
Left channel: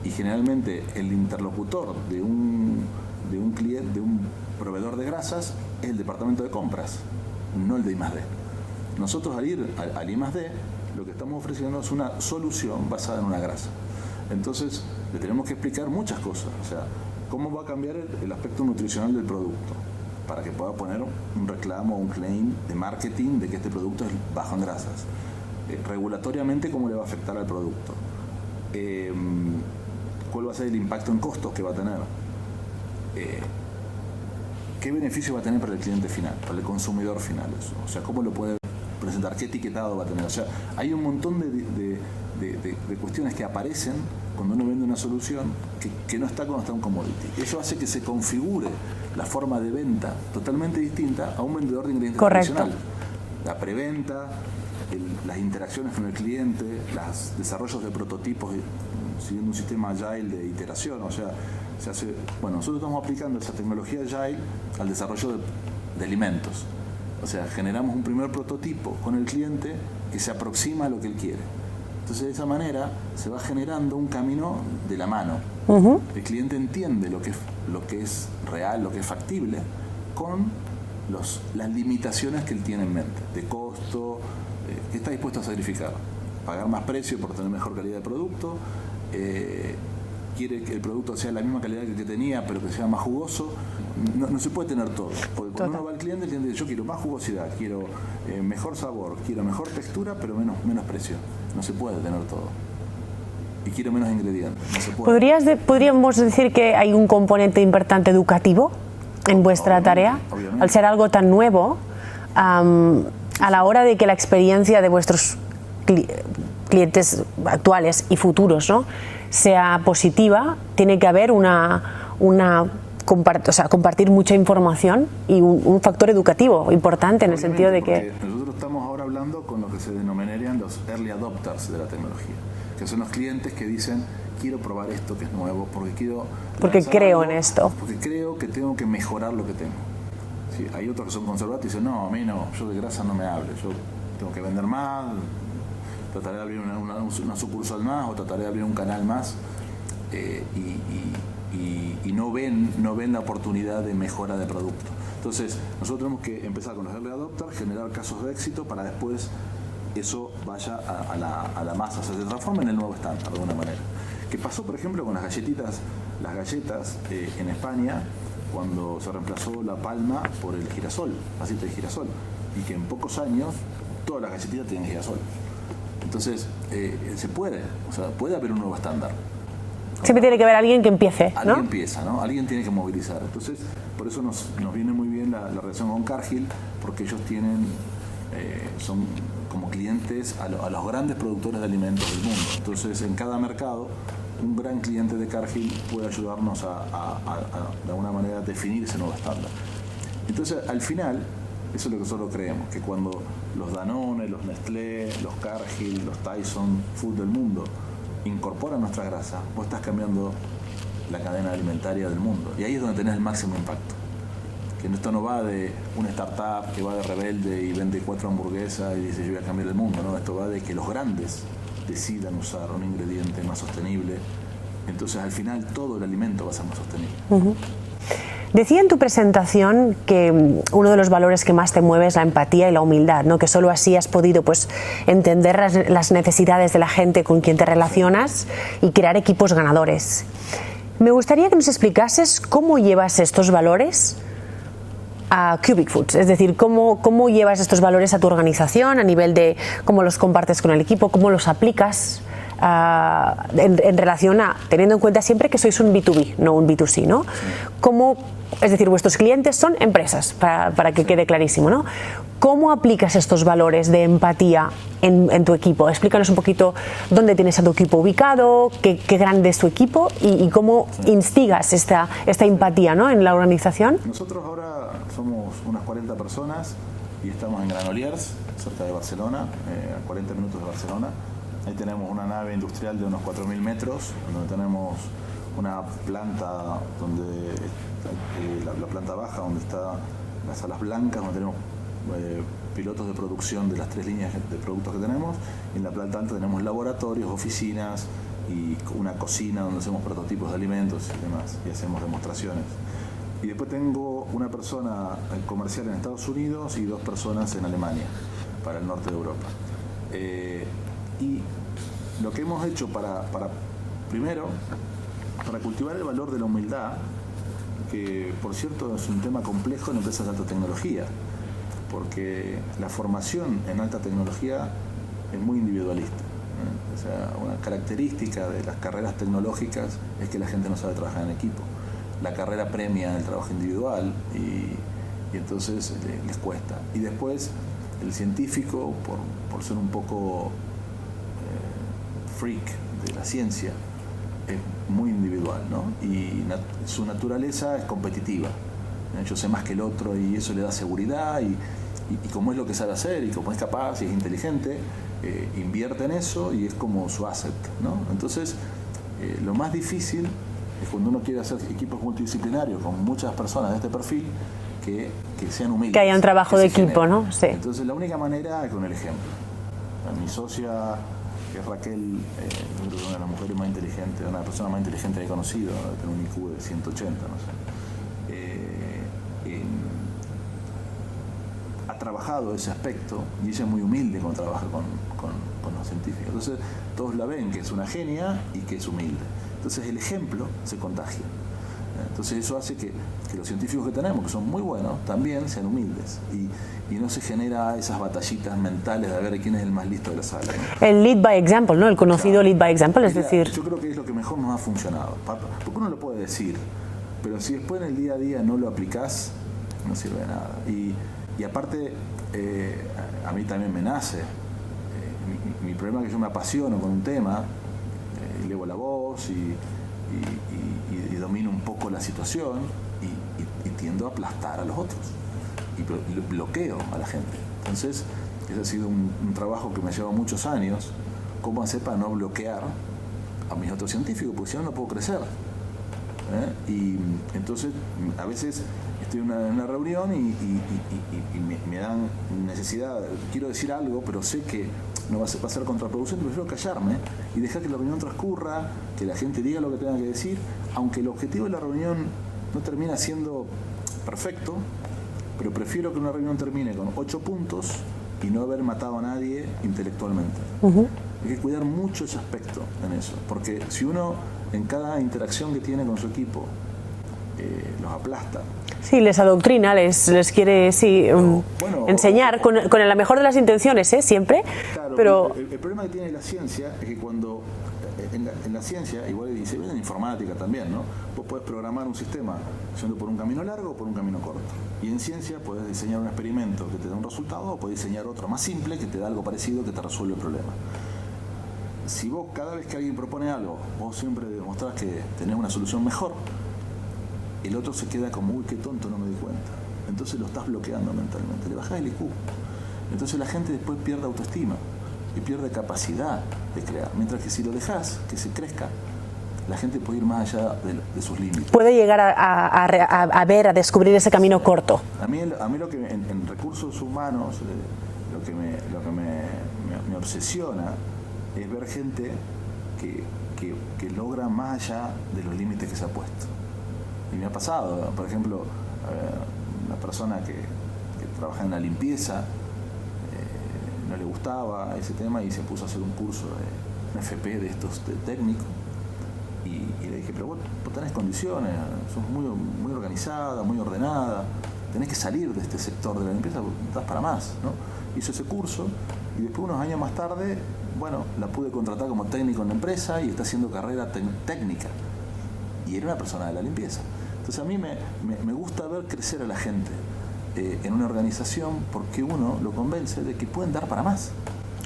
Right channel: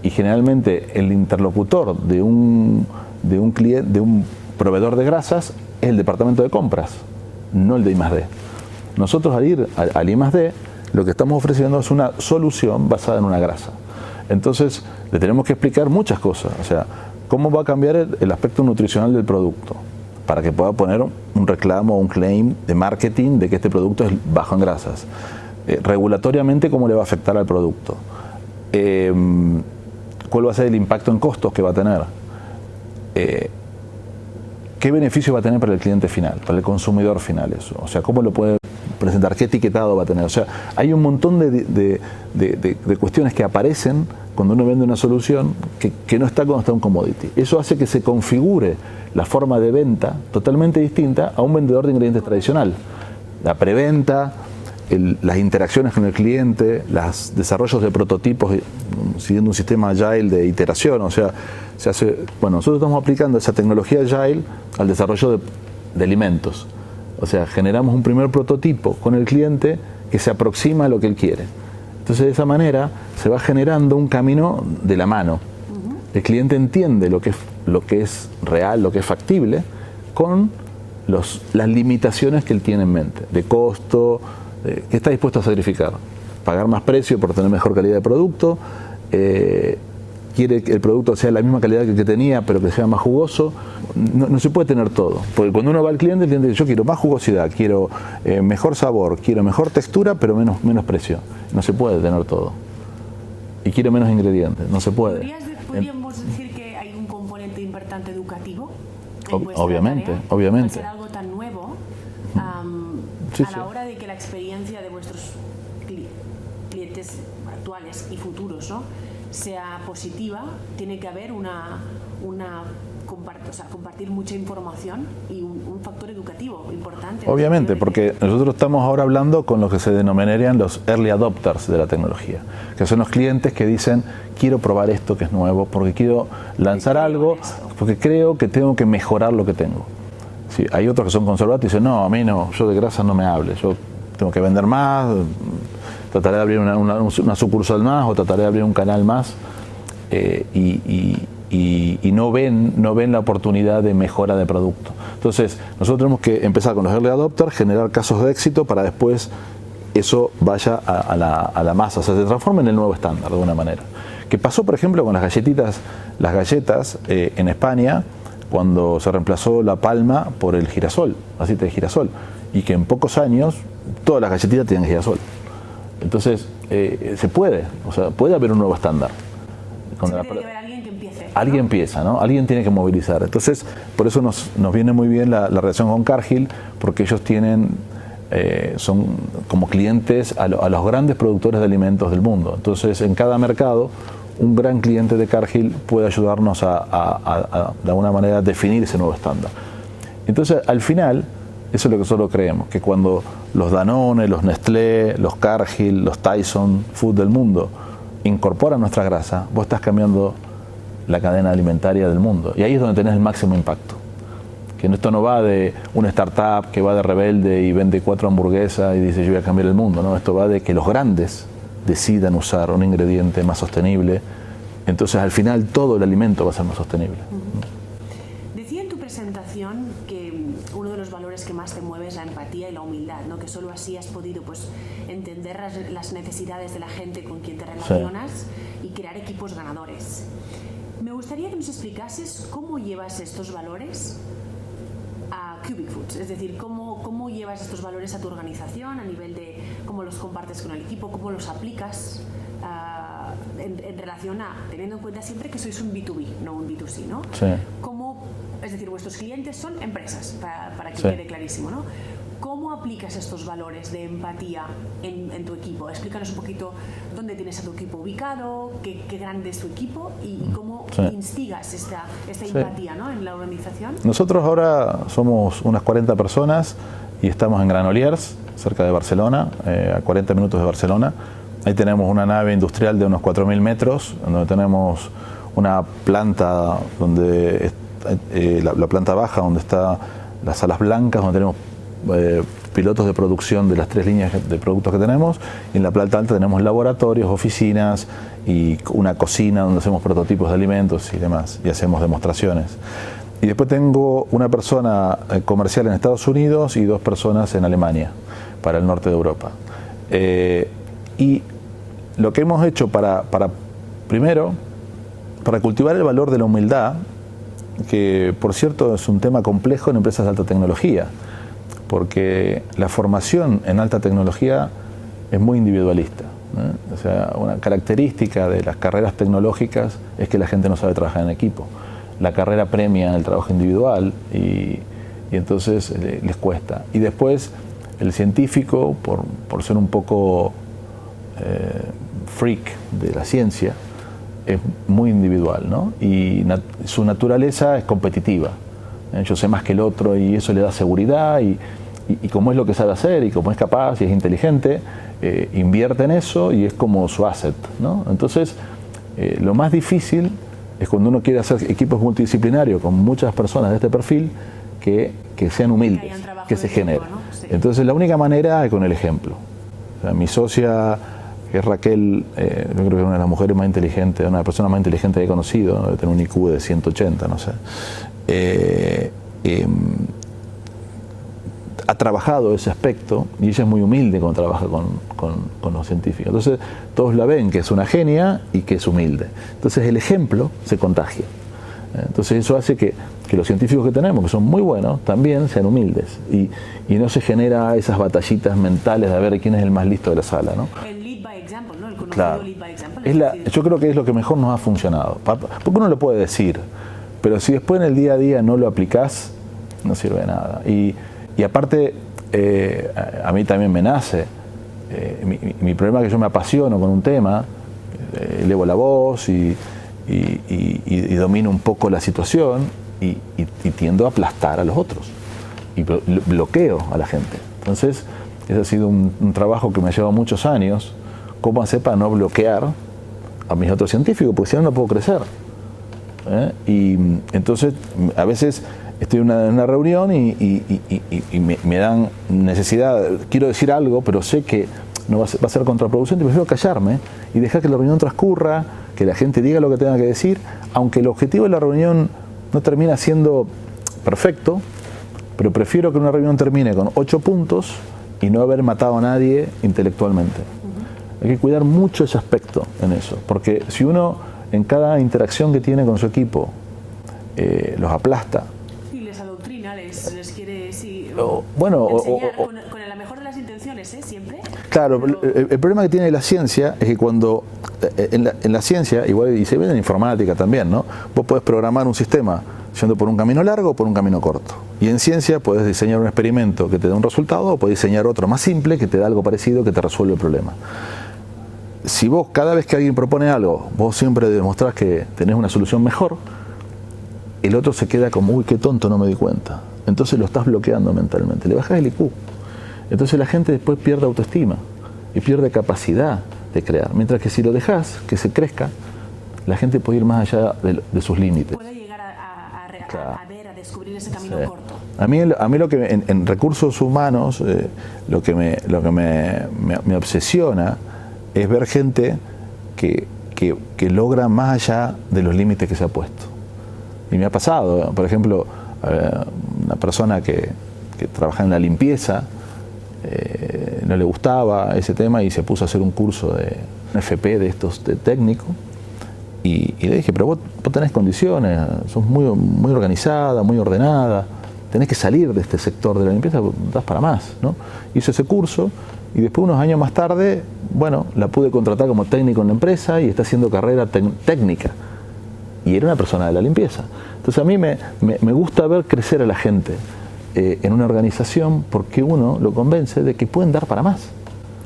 Y generalmente el interlocutor de un proveedor de grasas es el departamento de compras, no el de I+D. Nosotros al ir al I+D, lo que estamos ofreciendo es una solución basada en una grasa. Entonces, le tenemos que explicar muchas cosas. O sea, cómo va a cambiar el aspecto nutricional del producto para que pueda poner un reclamo o un claim de marketing de que este producto es bajo en grasas. Regulatoriamente, cómo le va a afectar al producto. ¿Cuál va a ser el impacto en costos que va a tener? ¿Qué beneficio va a tener para el cliente final, para el consumidor final eso? O sea, ¿cómo lo puede presentar? ¿Qué etiquetado va a tener? O sea, hay un montón de cuestiones que aparecen cuando uno vende una solución que no está cuando está un commodity. Eso hace que se configure la forma de venta totalmente distinta a un vendedor de ingredientes tradicional. La preventa, las interacciones con el cliente, los desarrollos de prototipos siguiendo un sistema agile de iteración, o sea, nosotros estamos aplicando esa tecnología agile al desarrollo de alimentos. O sea, generamos un primer prototipo con el cliente que se aproxima a lo que él quiere. Entonces, de esa manera se va generando un camino de la mano. El cliente entiende lo que es real, lo que es factible, con las limitaciones que él tiene en mente, de costo, que está dispuesto a sacrificar. Pagar más precio por tener mejor calidad de producto, quiere que el producto sea la misma calidad que el que tenía, pero que sea más jugoso. No se puede tener todo, porque cuando uno va al cliente, el cliente dice, yo quiero más jugosidad, quiero mejor sabor, quiero mejor textura, pero menos precio. No se puede tener todo. Y quiero menos ingredientes, no se puede. ¿Podríamos decir que hay un componente importante educativo en vuestra tarea? Obviamente. Al ser algo tan nuevo, a la hora de que la experiencia de vuestros clientes actuales y futuros, ¿no?, sea positiva, tiene que haber compartir mucha información y un factor educativo importante en el sentido de porque nosotros estamos ahora hablando con lo que se denominarían los early adopters de la tecnología, que son los clientes que dicen, quiero probar esto que es nuevo, porque quiero lanzar algo, en esto, porque creo que tengo que mejorar lo que tengo. Sí, hay otros que son conservadores y dicen, no, a mí no, yo de grasa no me hable, yo tengo que vender más, trataré de abrir una sucursal más o trataré de abrir un canal más, y no ven la oportunidad de mejora de producto. Entonces, nosotros tenemos que empezar con los early adopters, generar casos de éxito para después eso vaya a la masa, o sea, se transforma en el nuevo estándar de alguna manera. ¿Qué pasó, por ejemplo, con las galletas en España, cuando se reemplazó la palma por el girasol, aceite de girasol, y que en pocos años todas las galletitas tienen girasol? Entonces, se puede haber un nuevo estándar. Siempre tiene que haber alguien que empiece, ¿no? Alguien empieza, ¿no? Alguien tiene que movilizar. Entonces, por eso nos viene muy bien la relación con Cargill, porque ellos son como clientes a los grandes productores de alimentos del mundo. Entonces, en cada mercado, un gran cliente de Cargill puede ayudarnos a de alguna manera, definir ese nuevo estándar. Entonces, al final, eso es lo que nosotros creemos, que cuando los Danone, los Nestlé, los Cargill, los Tyson Food del mundo incorporan nuestra grasa, vos estás cambiando la cadena alimentaria del mundo. Y ahí es donde tenés el máximo impacto. Que esto no va de una startup que va de rebelde y vende 4 hamburguesas y dice yo voy a cambiar el mundo, ¿no? Esto va de que los grandes decidan usar un ingrediente más sostenible. Entonces al final todo el alimento va a ser más sostenible. Decía en tu presentación que uno de los valores que más te mueve es la empatía y la humildad, ¿no? Que solo así has podido entender las necesidades de la gente con quien te relacionas, sí, y crear equipos ganadores. Me gustaría que nos explicases cómo llevas estos valores a Cubic Foods, es decir, cómo llevas estos valores a tu organización a nivel de cómo los compartes con el equipo, cómo los aplicas en relación a, teniendo en cuenta siempre que sois un B2B, no un B2C, ¿no? Sí. ¿Cómo, es decir, vuestros clientes son empresas, para que Sí. quede clarísimo, ¿no? ¿Cómo aplicas estos valores de empatía en tu equipo? Explícanos un poquito dónde tienes a tu equipo ubicado, qué grande es tu equipo y cómo Sí. instigas esta empatía, ¿no?, en la organización. Nosotros ahora somos unas 40 personas y estamos en Granollers, cerca de Barcelona, a 40 minutos de Barcelona. Ahí tenemos una nave industrial de unos 4.000 metros, donde tenemos una planta, donde la planta baja, donde están las salas blancas, donde tenemos pilotos de producción de las 3 líneas de productos que tenemos. Y en la planta alta tenemos laboratorios, oficinas y una cocina donde hacemos prototipos de alimentos y demás, y hacemos demostraciones. Y después tengo una persona comercial en Estados Unidos y 2 personas en Alemania, para el norte de Europa. Y lo que hemos hecho primero, para cultivar el valor de la humildad, que por cierto es un tema complejo en empresas de alta tecnología, porque la formación en alta tecnología es muy individualista, ¿eh? O sea, una característica de las carreras tecnológicas es que la gente no sabe trabajar en equipo. La carrera premia el trabajo individual y entonces les cuesta. Y después el científico, por ser un poco freak de la ciencia, es muy individual, ¿no? Y su naturaleza es competitiva. Yo sé más que el otro y eso le da seguridad y como es lo que sabe hacer y como es capaz y es inteligente, invierte en eso y es como su asset, ¿no? Entonces, lo más difícil es cuando uno quiere hacer equipos multidisciplinarios con muchas personas de este perfil que sean humildes. Que haya un trabajo de equipo, ¿no? Sí. Entonces, la única manera es con el ejemplo. O sea, mi socia, que es Raquel, yo creo que es una de las mujeres más inteligentes, una de las personas más inteligentes que he conocido, ¿no? Debe tener un IQ de 180, no sé. Ha trabajado ese aspecto y ella es muy humilde cuando trabaja con los científicos. Entonces todos la ven que es una genia y que es humilde. Entonces el ejemplo se contagia. Entonces eso hace que los científicos que tenemos, que son muy buenos, también sean humildes y no se genera esas batallitas mentales de ver quién es el más listo de la sala, ¿no? El lead by example, ¿no? El conocido Claro. lead by example, es decir... Yo creo que es lo que mejor nos ha funcionado. Porque uno lo puede decir, pero si después en el día a día no lo aplicás, no sirve de nada. Y aparte, a mí también me nace. Mi problema es que yo me apasiono con un tema, elevo la voz y domino un poco la situación y tiendo a aplastar a los otros. Y bloqueo a la gente. Entonces, ese ha sido un trabajo que me ha llevado muchos años. ¿Cómo hacer para no bloquear a mis otros científicos? Porque si no, no puedo crecer. Y entonces, a veces estoy en una reunión y me dan necesidad, quiero decir algo, pero sé que no va a ser contraproducente, prefiero callarme y dejar que la reunión transcurra, que la gente diga lo que tenga que decir, aunque el objetivo de la reunión no termina siendo perfecto, pero prefiero que una reunión termine con 8 puntos y no haber matado a nadie intelectualmente. Hay que cuidar mucho ese aspecto en eso, porque si uno en cada interacción que tiene con su equipo los aplasta. Sí, les adoctrina, les quiere enseñar con la mejor de las intenciones, siempre. Claro, pero... el problema que tiene la ciencia es que cuando en la ciencia, igual y se ve en informática también, ¿no? Vos podés programar un sistema yendo por un camino largo o por un camino corto. Y en ciencia podés diseñar un experimento que te dé un resultado o podés diseñar otro más simple que te da algo parecido que te resuelve el problema. Si vos cada vez que alguien propone algo, vos siempre demostrás que tenés una solución mejor, el otro se queda como, uy, qué tonto, no me di cuenta. Entonces lo estás bloqueando mentalmente, le bajás el IQ. Entonces la gente después pierde autoestima y pierde capacidad de crear. Mientras que si lo dejás que se crezca, la gente puede ir más allá de sus límites. Puede llegar a descubrir ese camino corto. A mí lo que en recursos humanos, lo que me obsesiona es ver gente que logra más allá de los límites que se ha puesto. Y me ha pasado, por ejemplo, una persona que trabaja en la limpieza, no le gustaba ese tema y se puso a hacer un curso de un FP de estos de técnico. Y le dije, pero vos tenés condiciones, sos muy organizada, muy ordenada, tenés que salir de este sector de la limpieza, das para más, ¿no? Hizo ese curso Y después, unos años más tarde, bueno, la pude contratar como técnico en la empresa y está haciendo carrera técnica. Y era una persona de la limpieza. Entonces a mí me gusta ver crecer a la gente en una organización, porque uno lo convence de que pueden dar para más.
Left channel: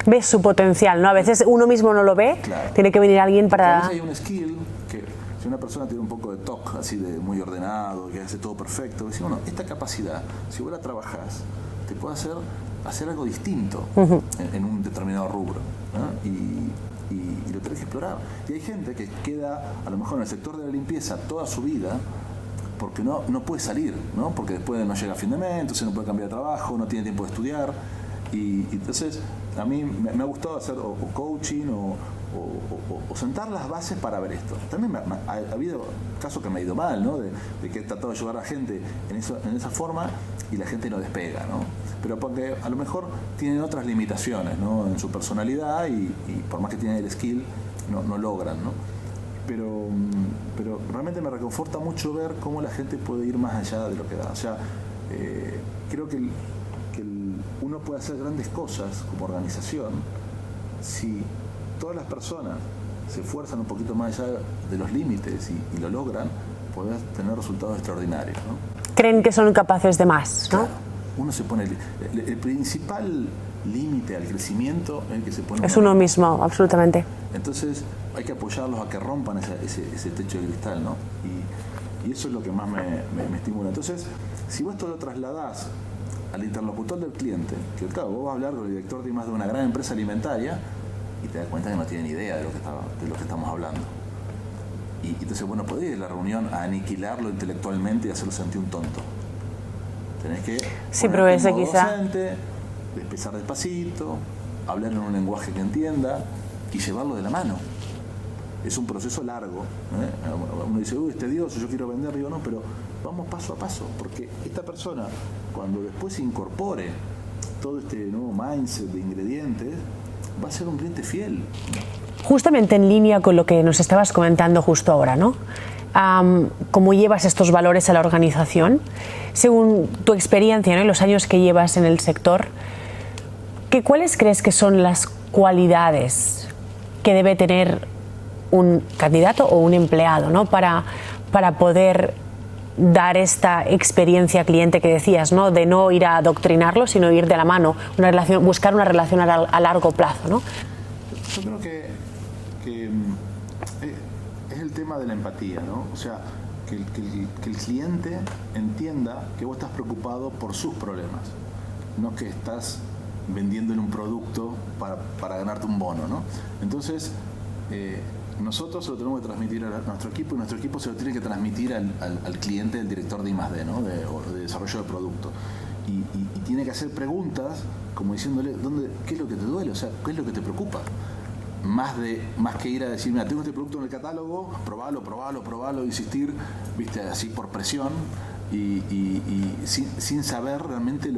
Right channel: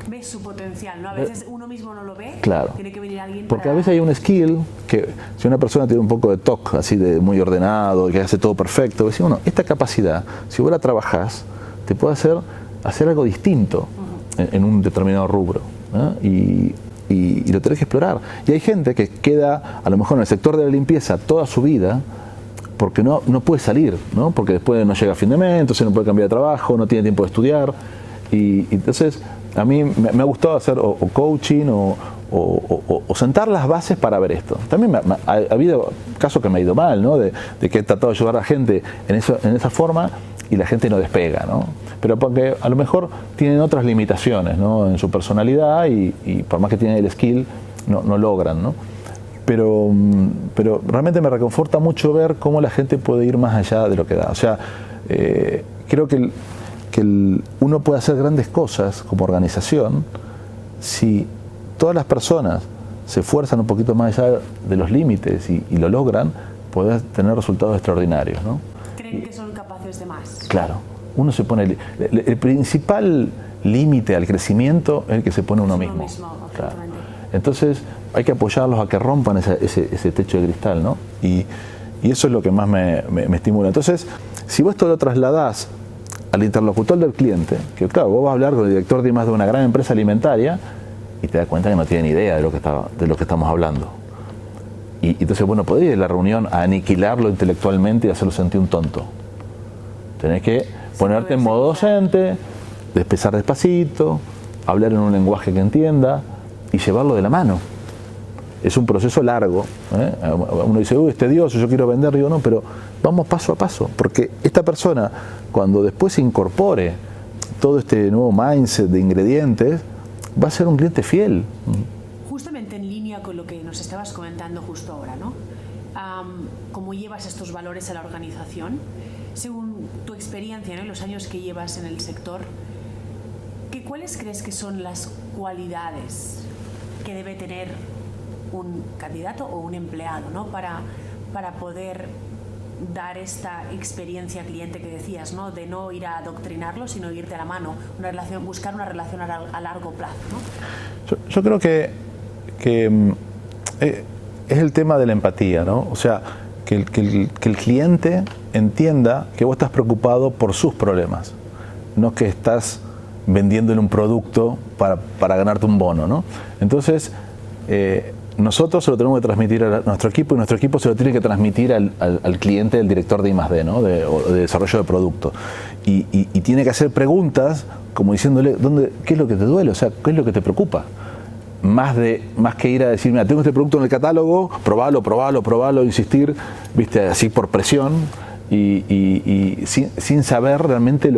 Ves su potencial, ¿no? A veces uno mismo no lo ve, claro. Tiene que venir alguien porque para... a veces hay un skill que, si una persona tiene un poco de toque, así de muy ordenado, que hace todo perfecto, decís, bueno, esta capacidad, si vos la trabajás, te puede hacer algo distinto en un determinado rubro, ¿no? Y lo tenés que explorar. Y hay gente que queda, a lo mejor en el sector de la limpieza toda su vida, porque no puede salir, ¿no? Porque después no llega a fin de mes, entonces no puede cambiar de trabajo, no tiene tiempo de estudiar. Y entonces a mí me ha gustado hacer o coaching o sentar las bases para ver esto. También ha habido casos que me ha ido mal, ¿no? De que he tratado de ayudar a la gente en esa forma y la gente no despega, ¿no? Pero porque a lo mejor tienen otras limitaciones, ¿no? En su personalidad y por más que tienen el skill, no logran, ¿no? Pero realmente me reconforta mucho ver cómo la gente puede ir más allá de lo que da. O sea, creo que uno puede hacer grandes cosas como organización si todas las personas se esfuerzan un poquito más allá de los límites y lo logran, pueden tener resultados extraordinarios, ¿no? Creen que son capaces de más, ¿no? Claro. Uno se pone... El principal límite al crecimiento es el que se pone uno mismo, absolutamente. Claro. Entonces hay que apoyarlos a que rompan ese techo de cristal, ¿no? Y eso es lo que más me estimula. Entonces, si vos esto lo trasladás al interlocutor del cliente, que claro, vos vas a hablar con el director de una gran empresa alimentaria y te das cuenta que no tiene ni idea de lo que estamos hablando. Y entonces, bueno, podés ir a la reunión a aniquilarlo intelectualmente y hacerlo sentir un tonto. Tenés que ponerte en modo docente, empezar despacito, hablar en un lenguaje que entienda y llevarlo de la mano. Es un proceso largo, ¿eh? Uno dice, uy, es tedioso, yo quiero vender. Digo, no, pero vamos paso a paso, porque esta persona, cuando después se incorpore todo este nuevo mindset de ingredientes, va a ser un cliente fiel. Justamente en línea con lo que nos estabas comentando justo ahora, ¿no? ¿Cómo llevas estos valores a la organización? Según tu experiencia, ¿no? Y los años que llevas en el sector, ¿cuáles crees que son las cualidades que debe tener un candidato o un empleado, ¿no? para poder dar esta experiencia cliente que decías, ¿no? De no ir a adoctrinarlo, sino ir de la mano, buscar una relación a largo plazo, ¿no? Yo creo que es el tema de la empatía, ¿no? O sea, que el cliente entienda que vos estás preocupado por sus problemas, no que estás vendiéndole un producto para ganarte un bono, ¿no? Entonces, nosotros se lo tenemos que transmitir a nuestro equipo y nuestro equipo se lo tiene que transmitir al cliente, del director de I+D, ¿no? de desarrollo de producto. Y tiene que hacer preguntas como diciéndole, ¿qué es lo que te duele? O sea, ¿qué es lo que te preocupa? Más que ir a decir, mira, tengo este producto en el catálogo, probalo, insistir, viste, así por presión y sin saber realmente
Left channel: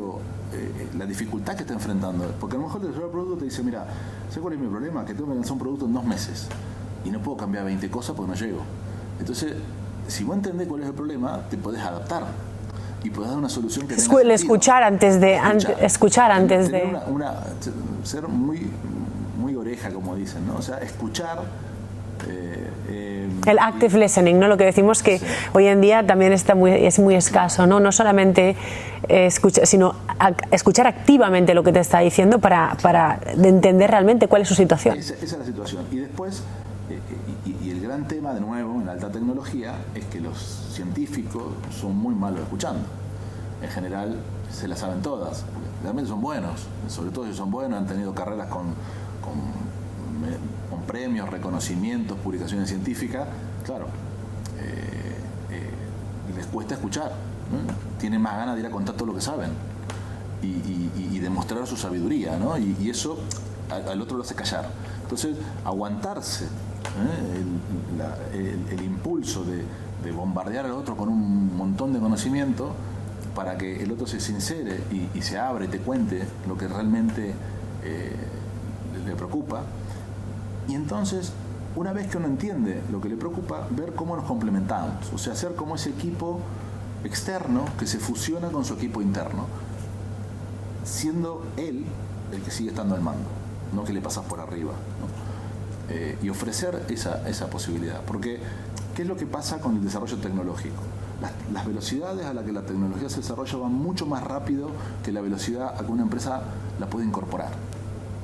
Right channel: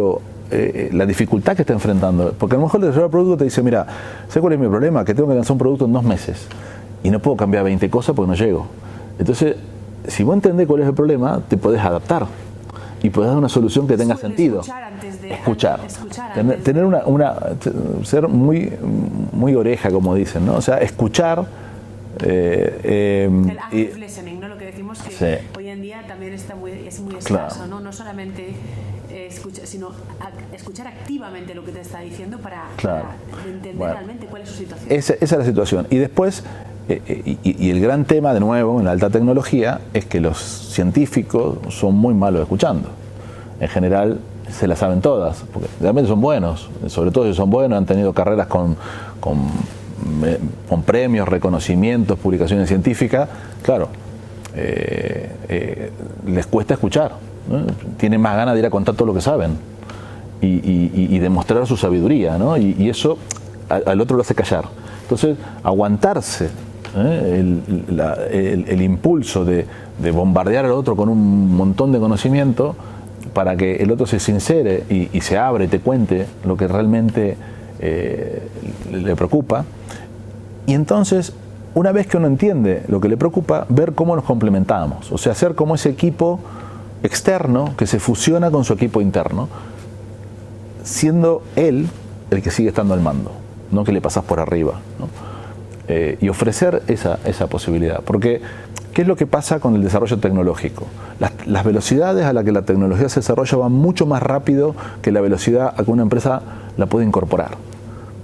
la dificultad que está enfrentando. Porque a lo mejor el desarrollador de producto te dice, mira, ¿sabes cuál es mi problema? Que tengo que lanzar un producto en 2 meses y no puedo cambiar 20 cosas porque no llego. Entonces, si vos entendés cuál es el problema, te podés adaptar y podés dar una solución que tenga sentido. Escuchar antes de... Tener ser muy oreja, como dicen, ¿no? O sea, escuchar... el active listening, ¿no? Lo que decimos que sí, hoy en día también es muy escaso, claro. ¿No? No solamente escuchar, sino escuchar activamente lo que te está diciendo para entender realmente cuál es su situación. Esa es la situación. Y después, y el gran tema, de nuevo, en la alta tecnología, es que los científicos son muy malos escuchando. En general, se las saben todas, porque realmente son buenos, sobre todo si son buenos, han tenido carreras con premios, reconocimientos, publicaciones científicas, claro, les cuesta escuchar, ¿no? Tienen más ganas de ir a contar todo lo que saben y demostrar su sabiduría, ¿no? Y eso al otro lo hace callar. Entonces, aguantarse el impulso de bombardear al otro con un montón de conocimiento para que el otro se sincere y se abre y te cuente lo que realmente le preocupa. Y entonces, una vez que uno entiende lo que le preocupa, ver cómo nos complementamos. O sea, ser como ese equipo externo que se fusiona con su equipo interno, siendo él el que sigue estando al mando, no que le pasás por arriba, ¿no? Y ofrecer esa posibilidad. Porque, ¿qué es lo que pasa con el desarrollo tecnológico? Las velocidades a las que la tecnología se desarrolla van mucho más rápido que la velocidad a que una empresa la puede incorporar.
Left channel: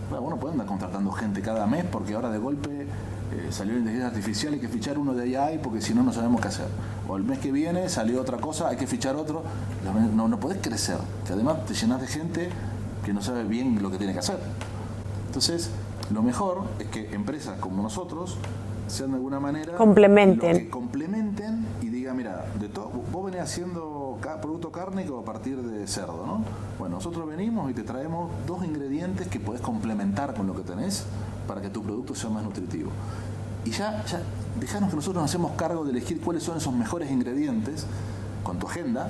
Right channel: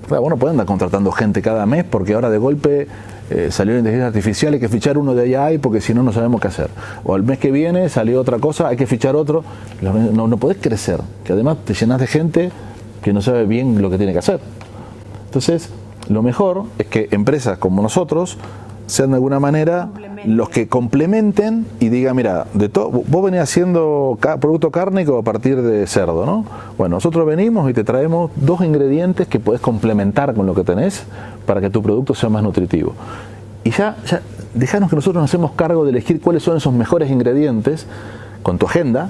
Vos no podés andar contratando gente cada mes porque ahora de golpe salió la inteligencia artificial, hay que fichar uno de AI porque si no, no sabemos qué hacer. O el mes que viene salió otra cosa, hay que fichar otro. No podés crecer, que además te llenás de gente que no sabe bien lo que tiene que hacer. Entonces, lo mejor es que empresas como nosotros sean de alguna manera los que complementen y digan, mira, vos venís haciendo producto cárnico a partir de cerdo, ¿no? Bueno, nosotros venimos y te traemos 2 ingredientes que podés complementar con lo que tenés para que tu producto sea más nutritivo. Y ya dejanos que nosotros nos hacemos cargo de elegir cuáles son esos mejores ingredientes con tu agenda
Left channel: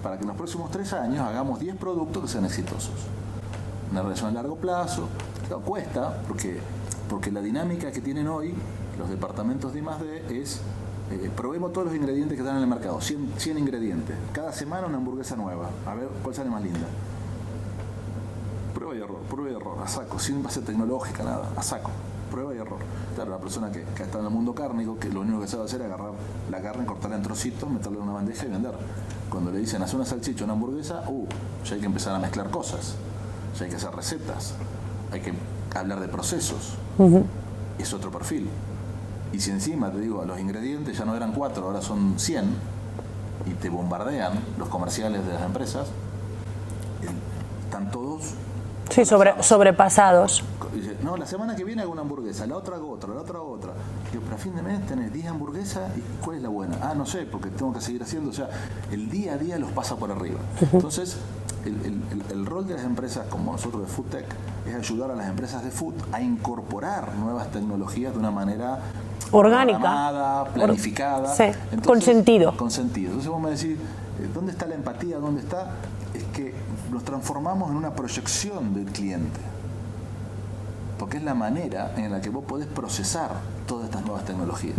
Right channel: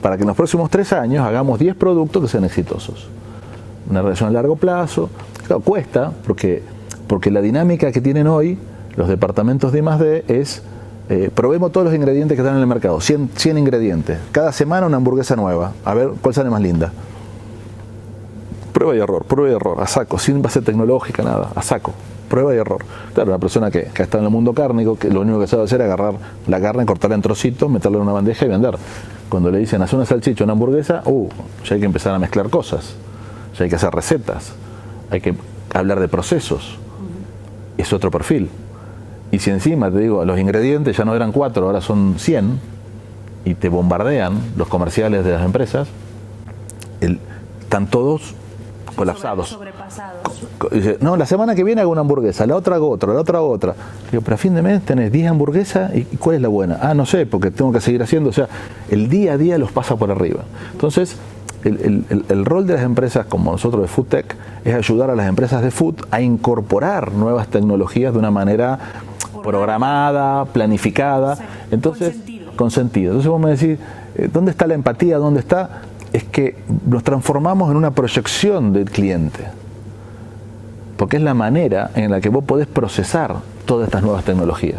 para que en los próximos 3 años hagamos 10 productos que sean exitosos. Una relación a largo plazo. Claro, cuesta, porque la dinámica que tienen hoy los departamentos de I+D es probemos todos los ingredientes que están en el mercado, 100 ingredientes. Cada semana una hamburguesa nueva, a ver cuál sale más linda. Prueba y error, a saco, sin base tecnológica, nada, a saco, prueba y error. Claro, una persona que está en el mundo cárnico, que lo único que sabe hacer es agarrar la carne, cortarla en trocitos, meterla en una bandeja y vender. Cuando le dicen hacer una salchicha, una hamburguesa, ya hay que empezar a mezclar cosas, ya hay que hacer recetas, hay que hablar de procesos. Es otro perfil. Y si encima, te digo, los ingredientes ya no eran 4, ahora son 100, y te bombardean los comerciales de las empresas, están todos sobrepasados. Dice, no, la semana que viene hago una hamburguesa, la otra hago otra, la otra hago otra. Digo, pero a fin de mes tenés 10 hamburguesas, ¿y cuál es la buena? No sé, porque tengo que seguir haciendo. O sea, el día a día los pasa por arriba. Entonces, el rol de las empresas como nosotros de FoodTech es ayudar a las empresas de food a incorporar nuevas tecnologías de una manera orgánica, programada, planificada. Sí. Entonces, con sentido. Entonces vos me decís, ¿dónde está la empatía? ¿Dónde está? Es que nos transformamos en una proyección del cliente. Porque es la manera en la que vos podés procesar todas estas nuevas tecnologías.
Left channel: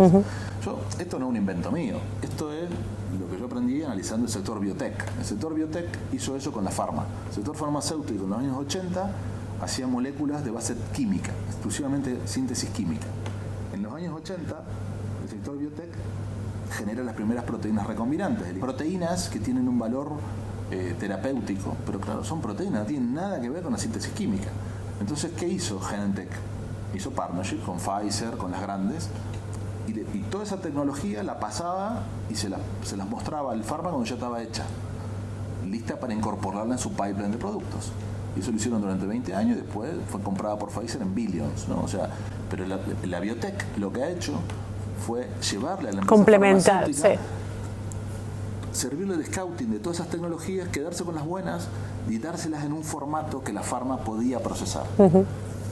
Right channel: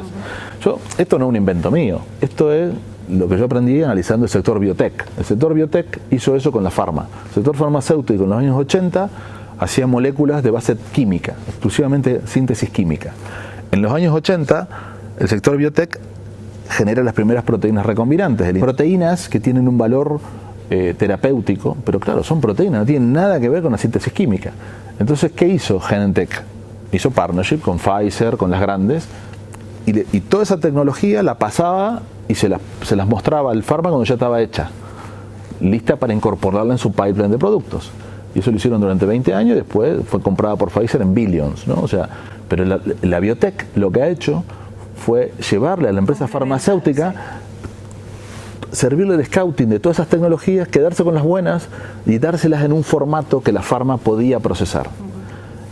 Esto no es un invento mío. Esto es lo que yo aprendí analizando el sector biotech. El sector biotech hizo eso con la farma. El sector farmacéutico en los años 80 hacía moléculas de base química, exclusivamente síntesis química. En los años 80, el sector biotech genera las primeras proteínas recombinantes. Proteínas que tienen un valor terapéutico, pero claro, son proteínas, no tienen nada que ver con la síntesis química. Entonces, ¿qué hizo Genentech? Hizo partnership con Pfizer, con las grandes, y toda esa tecnología la pasaba y se las mostraba al farma cuando ya estaba hecha, lista para incorporarla en su pipeline de productos. Y eso lo hicieron durante 20 años y después fue comprada por Pfizer en billions, ¿no? O sea, pero la biotech lo que ha hecho fue llevarle a la empresa farmacéutica, servirle de scouting de todas esas tecnologías, quedarse con las buenas y dárselas en un formato que la farma podía procesar.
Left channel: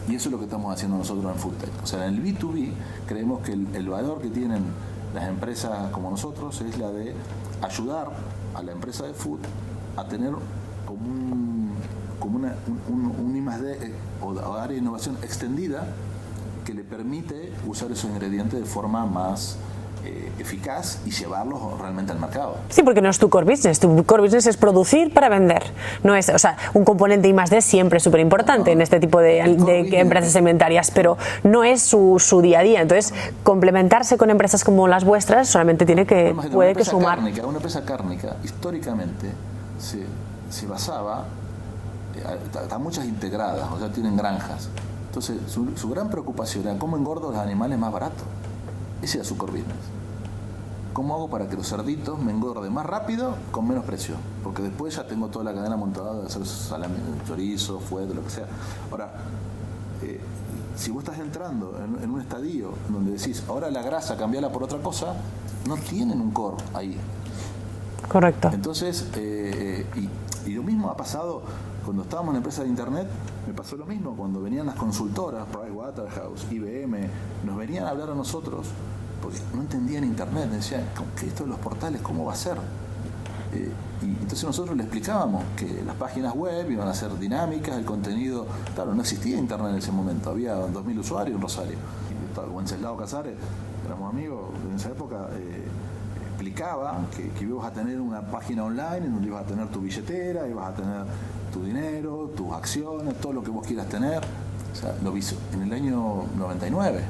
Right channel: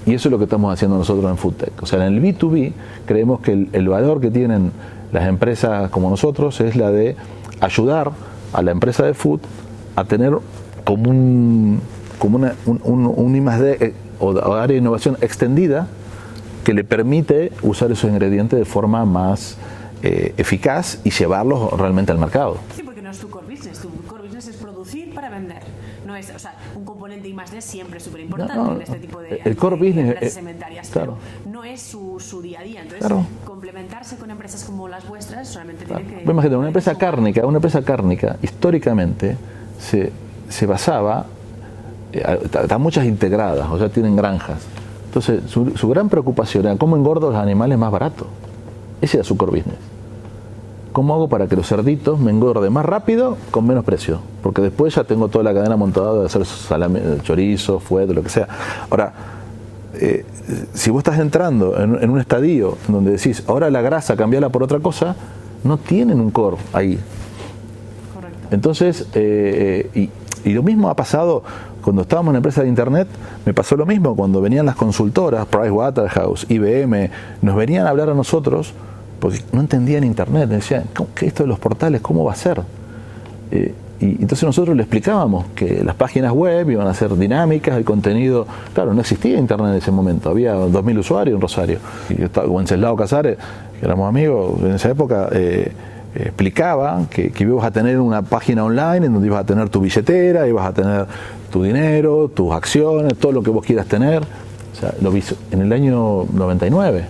Y eso es lo que estamos haciendo nosotros en FoodTech. O sea, en el B2B creemos que el valor que tienen las empresas como nosotros es la de ayudar a la empresa de food a tener como un I+D o área de innovación extendida que le permite usar esos ingredientes de forma más eficaz y llevarlos realmente al mercado. Sí, porque no es tu core business. Tu core business es producir para vender. No es, o sea, un componente I+D siempre es súper importante en este tipo de empresas alimentarias, pero no es su día a día. Entonces, complementarse con empresas como las vuestras solamente tiene que una empresa cárnica históricamente se basaba, están muchas integradas, o sea, tienen granjas. Entonces, su gran preocupación era cómo engordo los animales más barato. Ese era su core business. ¿Cómo hago para que los cerditos me engorden más rápido con menos precio? Porque después ya tengo toda la cadena montada de hacer salame, chorizo, fuet, lo que sea. Ahora, si vos estás entrando en un estadio donde decís, ahora la grasa cambiala por otra cosa, no tienen un core ahí. Correcto. Entonces, y lo mismo ha pasado cuando estábamos en empresas de internet, me pasó lo mismo cuando venían las consultoras, Pricewaterhouse, IBM, nos venían a hablar a nosotros porque no entendían internet, decían, ¿qué esto de los portales, cómo va a ser? Y entonces nosotros le explicábamos que las páginas web iban a ser dinámicas, el contenido, claro, no existía internet en ese momento, había 2.000 usuarios en Rosario, y Wenceslao Casares, que éramos amigos en esa época, explicaba que ibas a tener una página online en donde ibas a tener tu billetera, ibas a tener tu dinero, tus acciones, todo lo que vos quieras tener. O sea, lo vi en el año 99.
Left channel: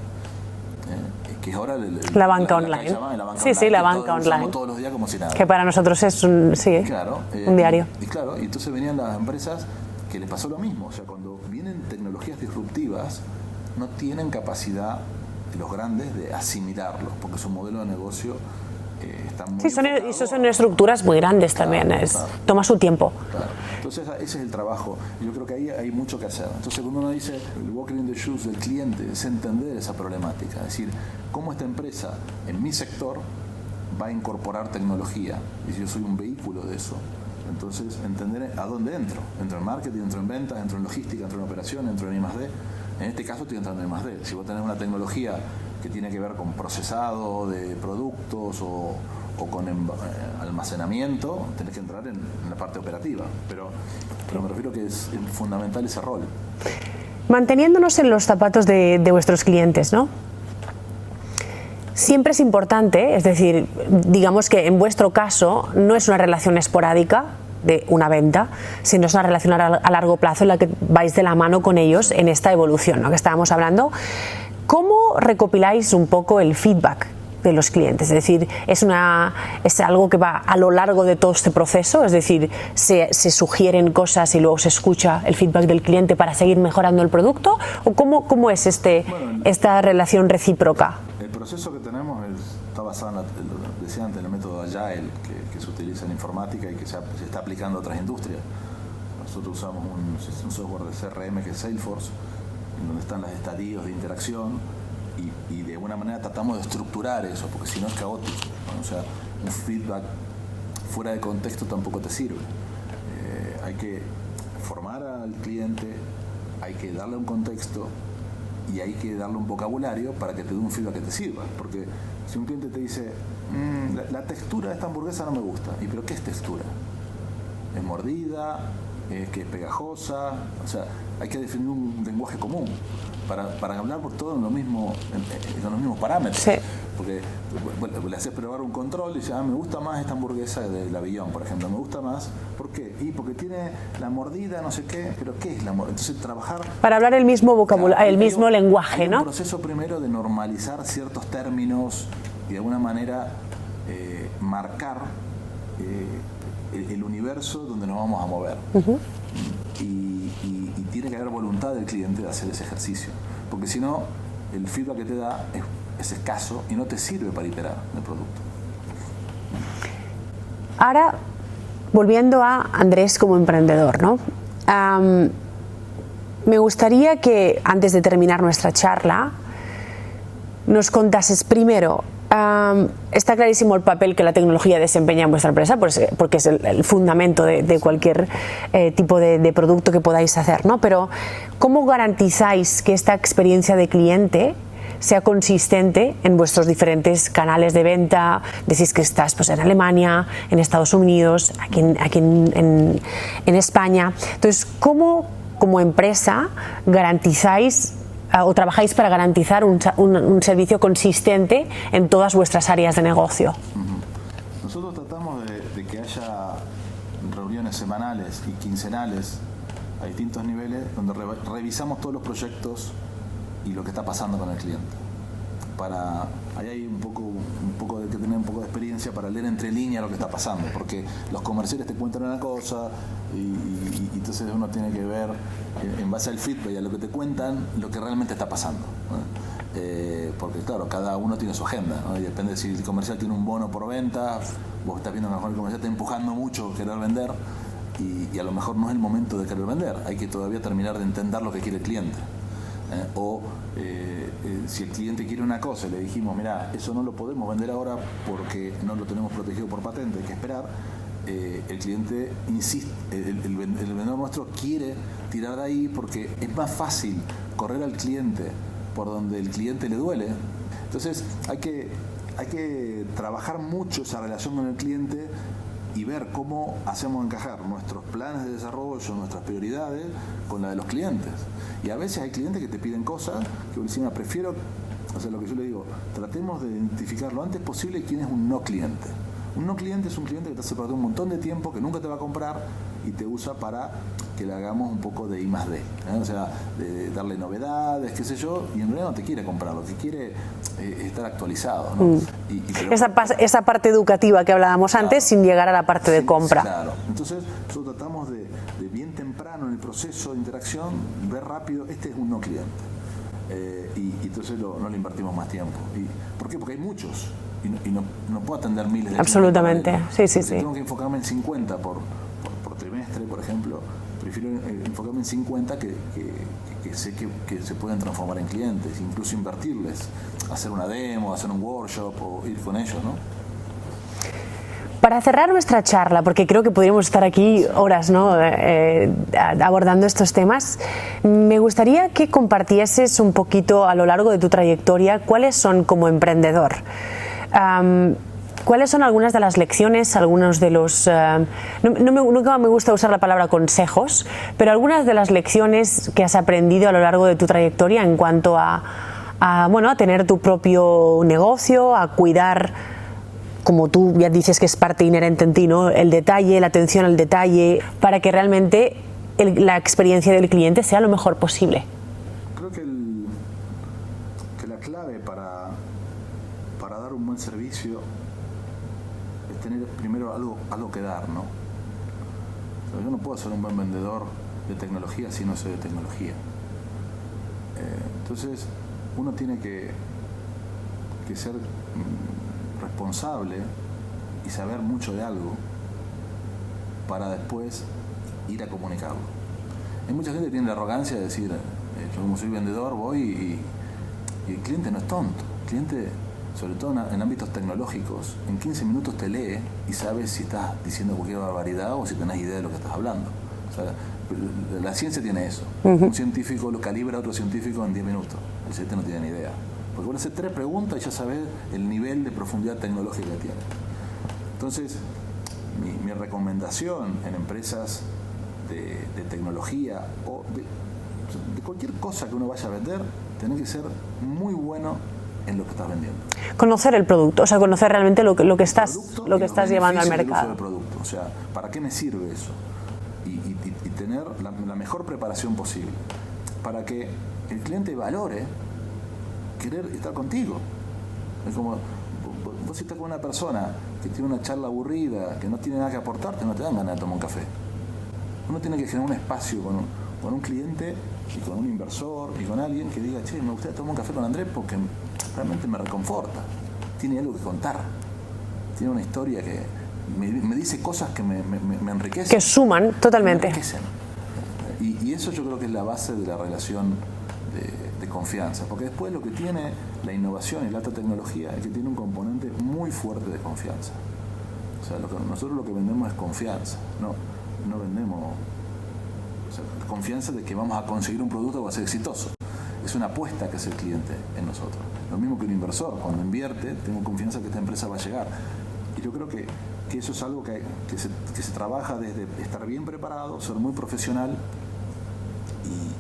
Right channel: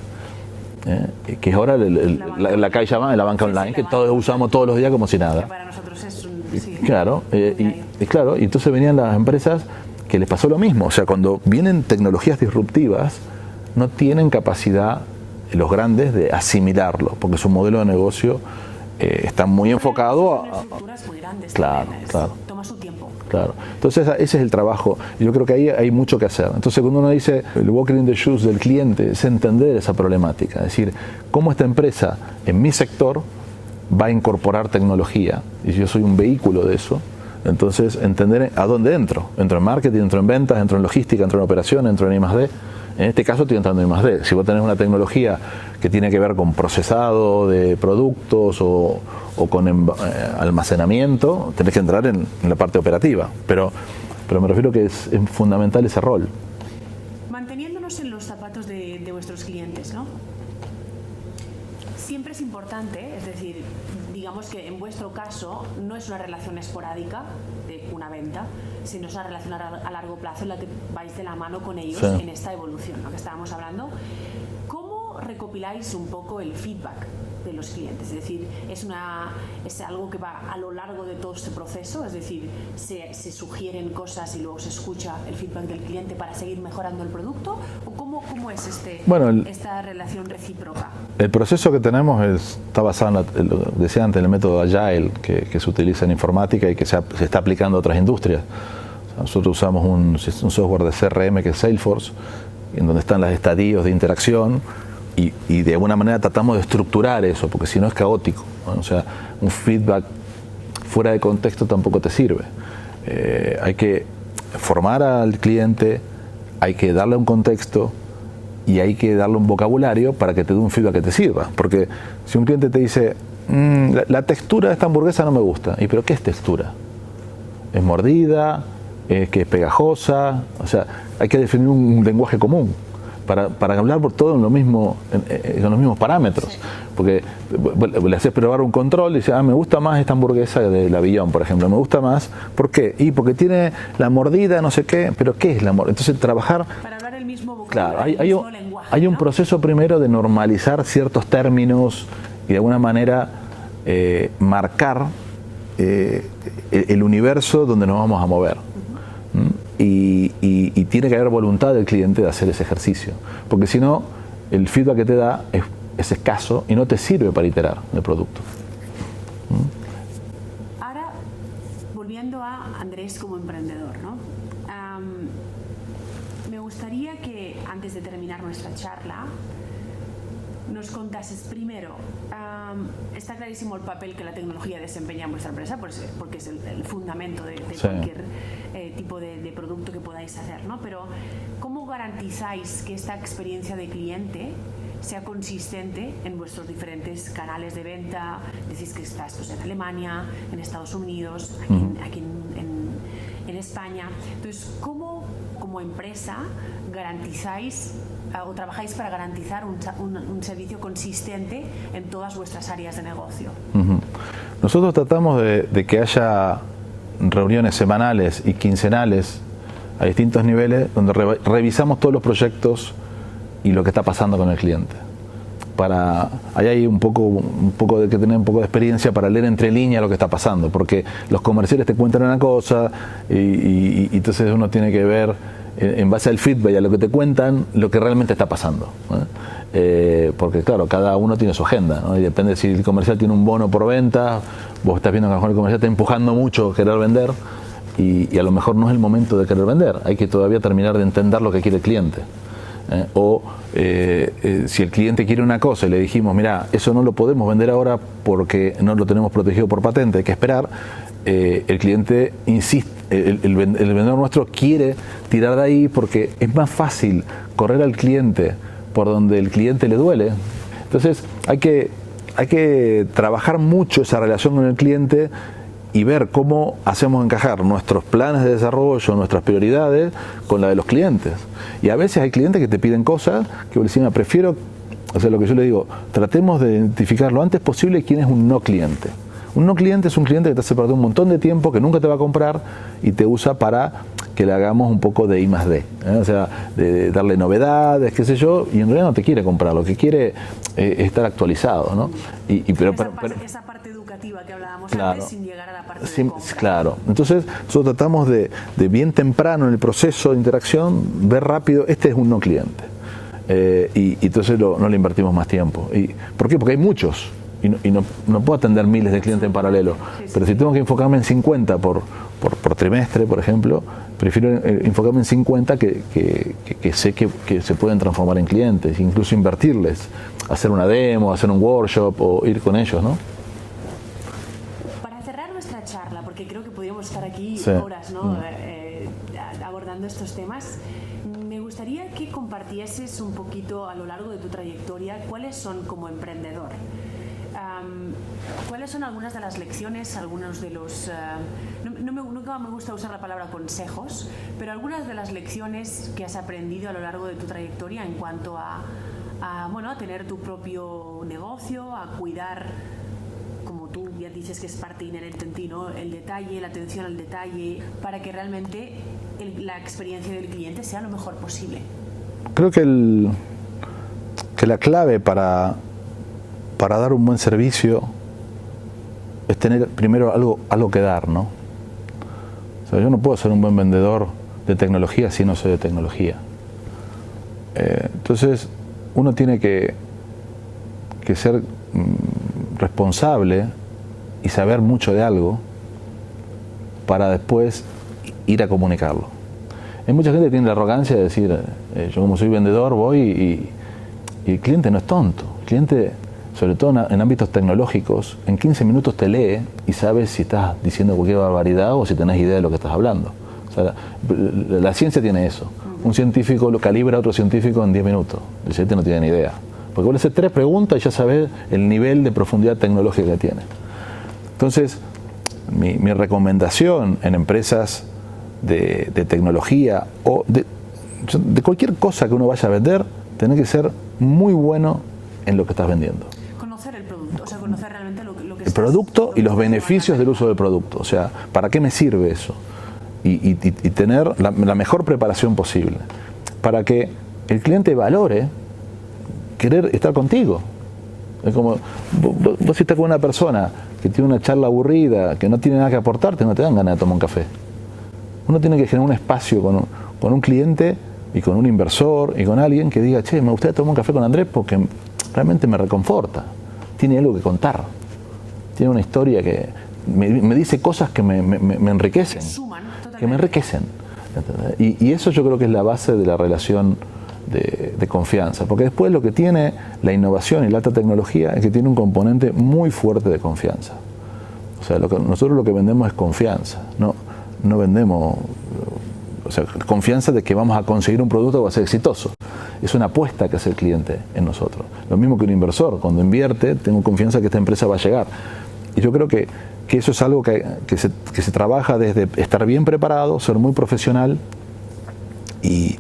Que es ahora la banca online. La banca online, sí, la que banca todos online. usamos todos los días como si nada. Que para nosotros es un diario. Y entonces venían las empresas que les pasó lo mismo. O sea, cuando vienen tecnologías disruptivas, no tienen capacidad los grandes de asimilarlo, porque su modelo de negocio está muy enfocado. Son estructuras muy grandes también, toma su tiempo. Claro. Entonces ese es el trabajo. Yo creo que ahí hay mucho que hacer. Entonces cuando uno dice el walking in the shoes del cliente, es entender esa problemática, es decir, cómo esta empresa en mi sector va a incorporar tecnología, y yo soy un vehículo de eso. Entonces entender a dónde entro. Entro en marketing, entro en ventas, entro en logística, entro en operación, entro en I+D. En este caso estoy entrando en I+D. Si vos tenés una tecnología que tiene que ver con procesado de productos o con almacenamiento, tenés que entrar en la parte operativa. Pero me refiero que es fundamental ese rol. Manteniéndonos en los zapatos de vuestros clientes, ¿no? Siempre es importante, es decir, digamos que en vuestro caso no es una relación esporádica de una venta, sino es una relación a largo plazo en la que vais de la mano con ellos en esta evolución, ¿no?, que estábamos hablando. ¿Cómo recopiláis un poco el feedback de los clientes? Es decir, ¿es algo que va a lo largo de todo este proceso? Es decir, ¿se sugieren cosas y luego se escucha el feedback del cliente para seguir mejorando el producto? ¿O cómo es esta relación recíproca? El proceso que tenemos está basado, decía antes, en el método Agile que se utiliza en informática y que se está aplicando a otras industrias. Nosotros usamos un software de CRM que es Salesforce, en donde están los estadios de interacción y de alguna manera tratamos de estructurar eso, porque si no es caótico, ¿no? O sea, un feedback fuera de contexto tampoco te sirve. Hay que formar al cliente, hay que darle un contexto y hay que darle un vocabulario para que te dé un feedback que te sirva. Porque si un cliente te dice, la textura de esta hamburguesa no me gusta, ¿y pero qué es textura? ¿Es mordida? ¿Es que es pegajosa? O sea, hay que definir un lenguaje común para hablar por todo en los mismos parámetros. Sí. Porque le haces probar un control y dices, me gusta más esta hamburguesa del Avión, por ejemplo, me gusta más. ¿Por qué? Y porque tiene la mordida, no sé qué, pero ¿qué es la mordida? Entonces trabajar... Para hablar el mismo vocabulario, claro, el mismo lenguaje, Hay ¿no? un proceso primero de normalizar ciertos términos y de alguna manera marcar el universo donde nos vamos a mover. Y tiene que haber voluntad del cliente de hacer ese ejercicio, porque si no, el feedback que te da es escaso y no te sirve para iterar el producto. Ahora, volviendo a Andrés como emprendedor, ¿no? Me gustaría que, antes de terminar nuestra charla, nos contases primero, está clarísimo el papel que la tecnología desempeña en vuestra empresa, porque es el fundamento de cualquier tipo de producto que podáis hacer, ¿no? Pero ¿cómo garantizáis que esta experiencia de cliente sea consistente en vuestros diferentes canales de venta? Decís que estás pues, en Alemania, en Estados Unidos, aquí en España. Entonces, ¿cómo como empresa garantizáis o trabajáis para garantizar un servicio consistente en todas vuestras áreas de negocio? Nosotros tratamos de que haya reuniones semanales y quincenales a distintos niveles donde revisamos todos los proyectos y lo que está pasando con el cliente. Ahí hay un poco de que tener un poco de experiencia para leer entre líneas lo que está pasando, porque los comerciales te cuentan una cosa y entonces uno tiene que ver en base al feedback y a lo que te cuentan, lo que realmente está pasando, ¿no? Porque claro, cada uno tiene su agenda, ¿no? Y depende si el comercial tiene un bono por venta, vos estás viendo que a lo mejor el comercial está empujando mucho a querer vender y a lo mejor no es el momento de querer vender, hay que todavía terminar de entender lo que quiere el cliente. Si el cliente quiere una cosa y le dijimos, mira, eso no lo podemos vender ahora porque no lo tenemos protegido por patente, hay que esperar. El cliente insiste, el vendedor nuestro quiere tirar de ahí porque es más fácil correr al cliente por donde el cliente le duele. Entonces hay que trabajar mucho esa relación con el cliente y ver cómo hacemos encajar nuestros planes de desarrollo, nuestras prioridades con la de los clientes. Y a veces hay clientes que te piden cosas que vos decís, prefiero O sea, lo que yo le digo, tratemos de identificar lo antes posible quién es un no cliente. Un no cliente es un cliente que te hace perder un montón de tiempo, que nunca te va a comprar y te usa para que le hagamos un poco de I+D, ¿eh? O sea, de darle novedades, qué sé yo, y en realidad no te quiere comprar, lo que quiere es estar actualizado, ¿no? Esa parte educativa que hablábamos antes, sin llegar a la parte de compra. Claro, entonces nosotros tratamos de bien temprano en el proceso de interacción, ver rápido, este es un no cliente. Y entonces no le invertimos más tiempo. ¿Por qué? Porque hay muchos. Y no puedo atender miles de clientes en paralelo. Pero si tengo que enfocarme en 50 por trimestre, por ejemplo, prefiero enfocarme en 50 que sé que se pueden transformar en clientes, incluso invertirles, hacer una demo, hacer un workshop o ir con ellos, ¿no? Para cerrar nuestra charla, porque creo que podríamos estar aquí horas, ¿no? Abordando estos temas, me gustaría que compartieses un poquito a lo largo de tu trayectoria cuáles son como emprendedor. ¿Cuáles son algunas de las lecciones, algunos de los... nunca me gusta usar la palabra consejos, pero algunas de las lecciones que has aprendido a lo largo de tu trayectoria en cuanto a tener tu propio negocio, a cuidar, como tú ya dices que es parte inherente en ti, ¿no? El detalle, la atención al detalle, para que realmente la experiencia del cliente sea lo mejor posible? Creo que la clave para dar un buen servicio es tener primero algo que dar, ¿no? O sea, yo no puedo ser un buen vendedor de tecnología si no sé de tecnología. Entonces, uno tiene que ser responsable y saber mucho de algo para después ir a comunicarlo. Hay mucha gente que tiene la arrogancia de decir, yo como soy vendedor voy y el cliente no es tonto. El cliente, sobre todo en ámbitos tecnológicos, en 15 minutos te lee y sabes si estás diciendo cualquier barbaridad o si tenés idea de lo que estás hablando. O sea, la ciencia tiene eso. Un científico lo calibra a otro científico en 10 minutos. El cliente no tiene ni idea. Porque vos le haces 3 preguntas y ya sabes el nivel de profundidad tecnológica que tiene. Entonces, mi recomendación en empresas de tecnología o de cualquier cosa que uno vaya a vender, tiene que ser muy bueno en lo que estás vendiendo. Conocer el producto, o sea, conocer realmente lo que estás... El producto y los beneficios del uso del producto. O sea, ¿para qué me sirve eso? Y tener la mejor preparación posible para que el cliente valore querer estar contigo. Es como, vos si estás con una persona que tiene una charla aburrida, que no tiene nada que aportarte, no te dan ganas de tomar un café. Uno tiene que generar un espacio con un cliente y con un inversor y con alguien que diga, che, me gustaría tomar un café con Andrés porque realmente me reconforta. Tiene algo que contar. Tiene una historia que me dice cosas que me enriquecen. Que suman totalmente. Que me enriquecen. Y eso yo creo que es la base de la relación de confianza, porque después lo que tiene la innovación y la alta tecnología es que tiene un componente muy fuerte de confianza. O sea, nosotros lo que vendemos es confianza, no vendemos, o sea, confianza de que vamos a conseguir un producto que va a ser exitoso. Es una apuesta que hace el cliente en nosotros. Lo mismo que un inversor, cuando invierte, tengo confianza que esta empresa va a llegar. Y yo creo que eso es algo que se trabaja desde estar bien preparado, ser muy profesional y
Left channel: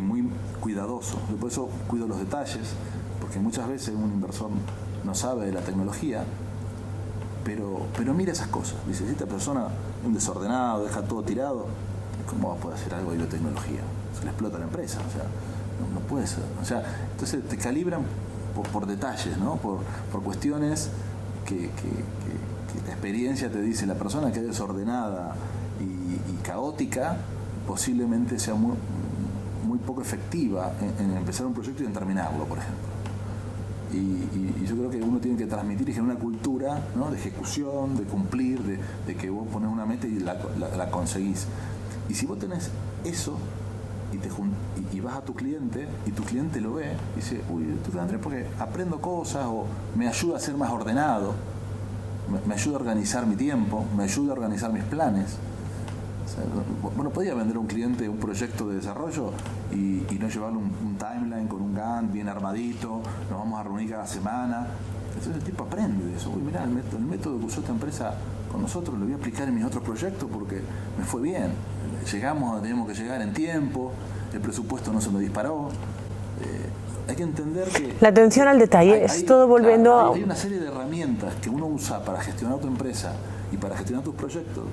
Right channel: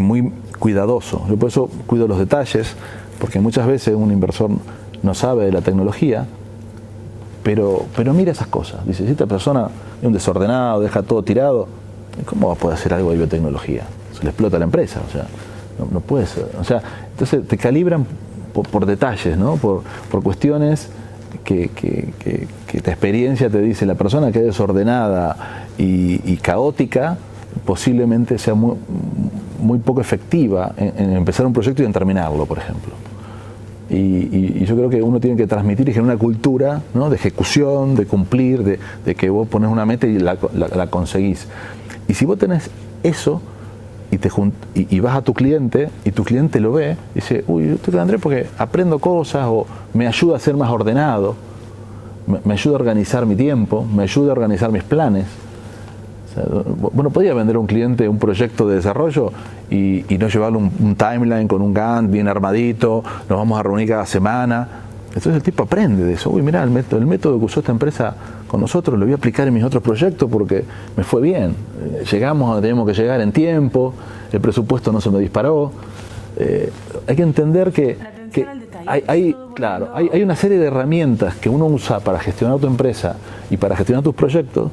muy cuidadoso. Yo por eso cuido los detalles, porque muchas veces un inversor no sabe de la tecnología, pero mira esas cosas. Dice, si esta persona es un desordenado, deja todo tirado, ¿cómo va a poder hacer algo de biotecnología? Se le explota la empresa, o sea, no puede ser. O sea, entonces te calibran por detalles, ¿no? Por cuestiones que la experiencia te dice, la persona que es desordenada y caótica, posiblemente sea muy poco efectiva en empezar un proyecto y en terminarlo, por ejemplo. Y yo creo que uno tiene que transmitir y generar una cultura, ¿no? De ejecución, de cumplir, de que vos pones una meta y la conseguís. Y si vos tenés eso y vas a tu cliente y tu cliente lo ve, y dice, uy, yo estoy con Andrés porque aprendo cosas o me ayuda a ser más ordenado, me ayuda a organizar mi tiempo, me ayuda a organizar mis planes. Bueno, podía vender a un cliente un proyecto de desarrollo y no llevarle un timeline con un Gantt bien armadito, nos vamos a reunir cada semana. Entonces el tipo aprende de eso. Uy, mirá, el método que usó esta empresa con nosotros lo voy a aplicar en mis otros proyectos porque me fue bien. Llegamos, teníamos que llegar en tiempo, el presupuesto no se me disparó. hay que entender que... La atención al detalle, es todo volviendo claro, hay una serie de herramientas que uno usa para gestionar tu empresa y para gestionar tus proyectos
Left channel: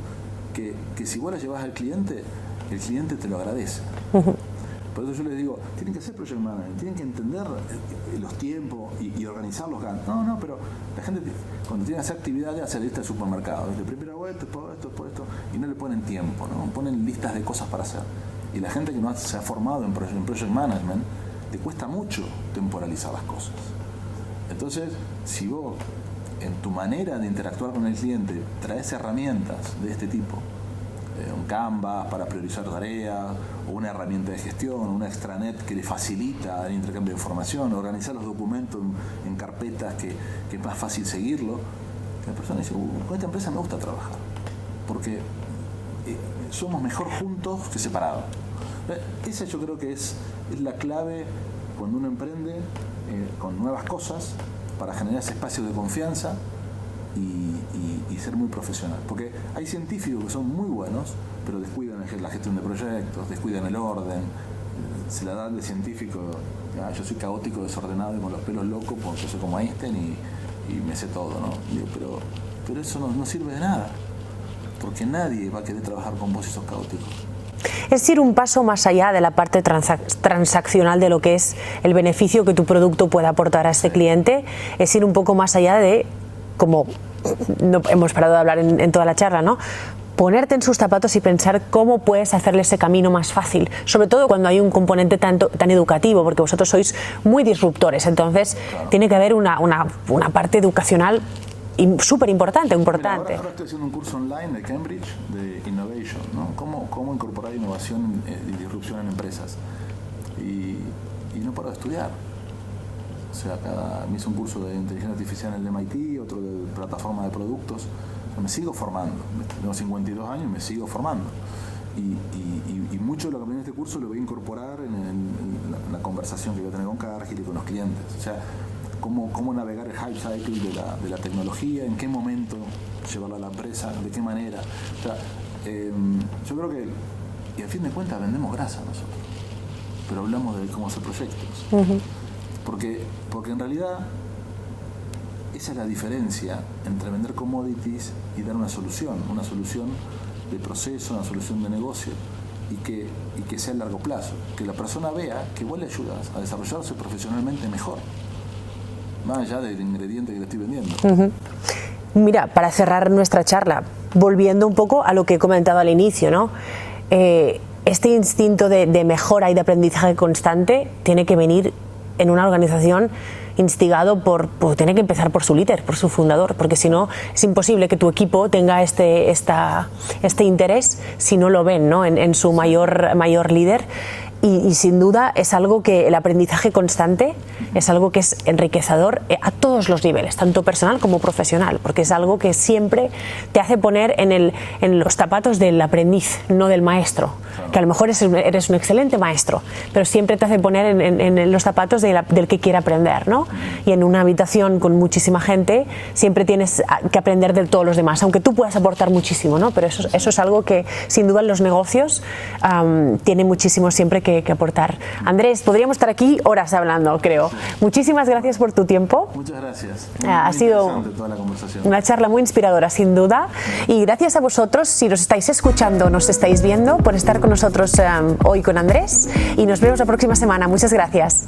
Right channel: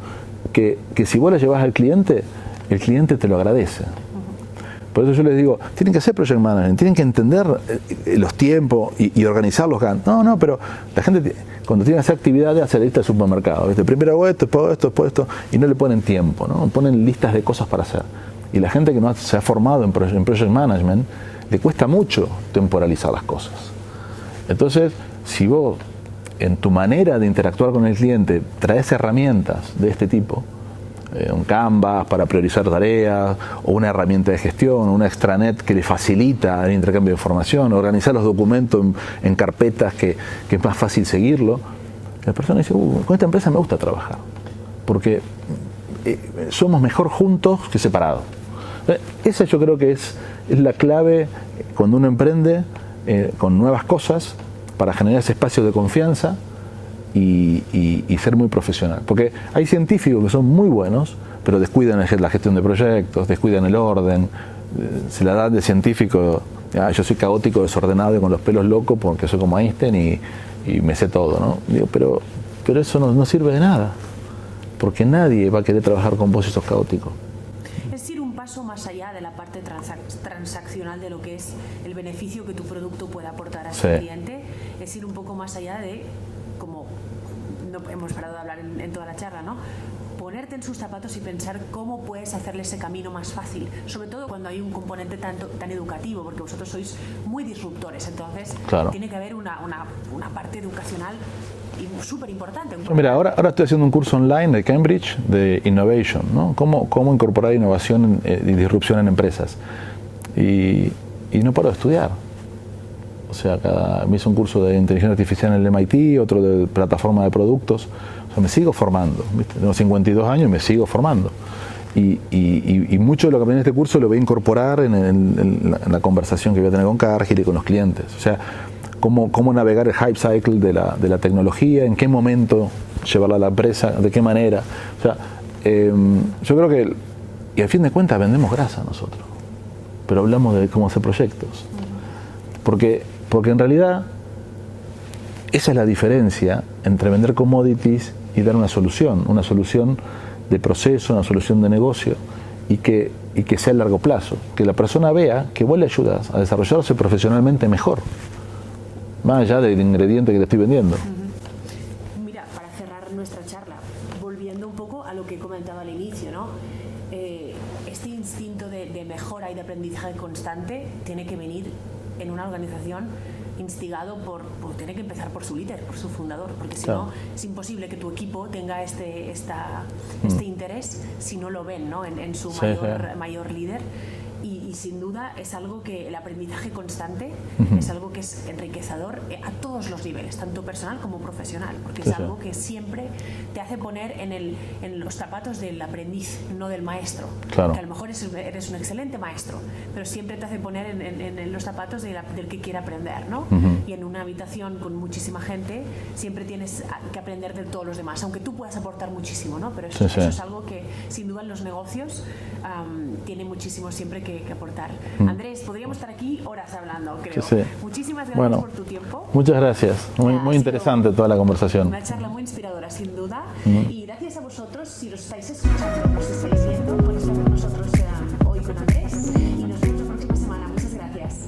que si vos las llevas al cliente, el cliente te lo agradece. Por eso yo les digo, tienen que hacer project management, tienen que entender los tiempos y organizar los Gantt. No, pero la gente cuando tiene esa actividad hace la lista de supermercado. Primero hago esto, después esto, y no le ponen tiempo, ¿no? Ponen listas de cosas para hacer. Y la gente que no se ha formado en project management, le cuesta mucho temporalizar las cosas. Entonces, si vos en tu manera de interactuar con el cliente traes herramientas de este tipo, un Canvas para priorizar tareas, o una herramienta de gestión, una extranet que le facilita el intercambio de información, organizar los documentos en carpetas que es más fácil seguirlo, la persona dice, con esta empresa me gusta trabajar, porque somos mejor juntos que separados. Esa yo creo que es la clave cuando uno emprende con nuevas cosas para generar ese espacio de confianza y ser muy profesional. Porque hay científicos que son muy buenos, pero descuidan la gestión de proyectos, descuidan el orden, se la dan de científico, yo soy caótico, desordenado y con los pelos locos porque soy como Einstein y me sé todo, ¿no? Digo, pero eso no sirve de nada, porque nadie va a querer trabajar con vos si sos caótico. Es ir un paso más allá de la parte transaccional de lo que es el beneficio que tu producto puede aportar a este cliente, es ir un poco más allá de, como no hemos parado de hablar en toda la charla, ¿no? Ponerte en sus zapatos y pensar cómo puedes hacerle ese camino más fácil, sobre todo cuando hay un componente tan educativo, porque vosotros sois muy disruptores, entonces tiene que haber una parte educacional súper importante. Mira, ahora estoy haciendo un curso online de Cambridge de Innovation, ¿no? Cómo incorporar innovación y disrupción en empresas. Y no paro de estudiar. O sea, me hice un curso de inteligencia artificial en el MIT, otro de plataforma de productos. O sea, me sigo formando, ¿viste? Tengo 52 años y me sigo formando. Y mucho de lo que aprendí en este curso lo voy a incorporar en la conversación que voy a tener con Cargill y con los clientes. O sea, cómo navegar el hype cycle de la tecnología, en qué momento llevarla a la empresa, de qué manera. O sea, yo creo que, y al fin de cuentas vendemos grasa nosotros, pero hablamos de cómo hacer proyectos. Porque en realidad esa es la diferencia entre vender commodities y dar una solución de proceso, una solución de negocio, y que sea a largo plazo, que la persona vea que vos le ayudas a desarrollarse profesionalmente mejor, más allá del ingrediente que le estoy vendiendo. Mira, para cerrar nuestra charla, volviendo un poco a lo que he comentado al inicio, ¿no? Este instinto de mejora y de aprendizaje constante tiene que venir en una organización instigado tiene que empezar por su líder, por su fundador, porque si no es imposible que tu equipo tenga este interés si no lo ven, ¿no? en su mayor líder. Y sin duda es algo que el aprendizaje constante es algo que es enriquecedor a todos los niveles, tanto personal como profesional, porque es algo que siempre te hace poner en los zapatos del aprendiz, no del maestro, que a lo mejor eres un excelente maestro, pero siempre te hace poner en los zapatos del que quiere aprender, ¿no? Y en una habitación con muchísima gente siempre tienes que aprender de todos los demás, aunque tú puedas aportar muchísimo, ¿no? Pero eso es algo que sin duda en los negocios tiene muchísimo siempre que aportar. Andrés, podríamos estar aquí horas hablando, creo. Muchísimas gracias por tu tiempo. Muchas gracias. Muy interesante toda la conversación. Una charla muy inspiradora, sin duda. Y gracias a vosotros, si nos estáis escuchando, nos estáis viendo, por estar con nosotros hoy con Andrés. Y nos vemos la próxima semana. Muchas gracias.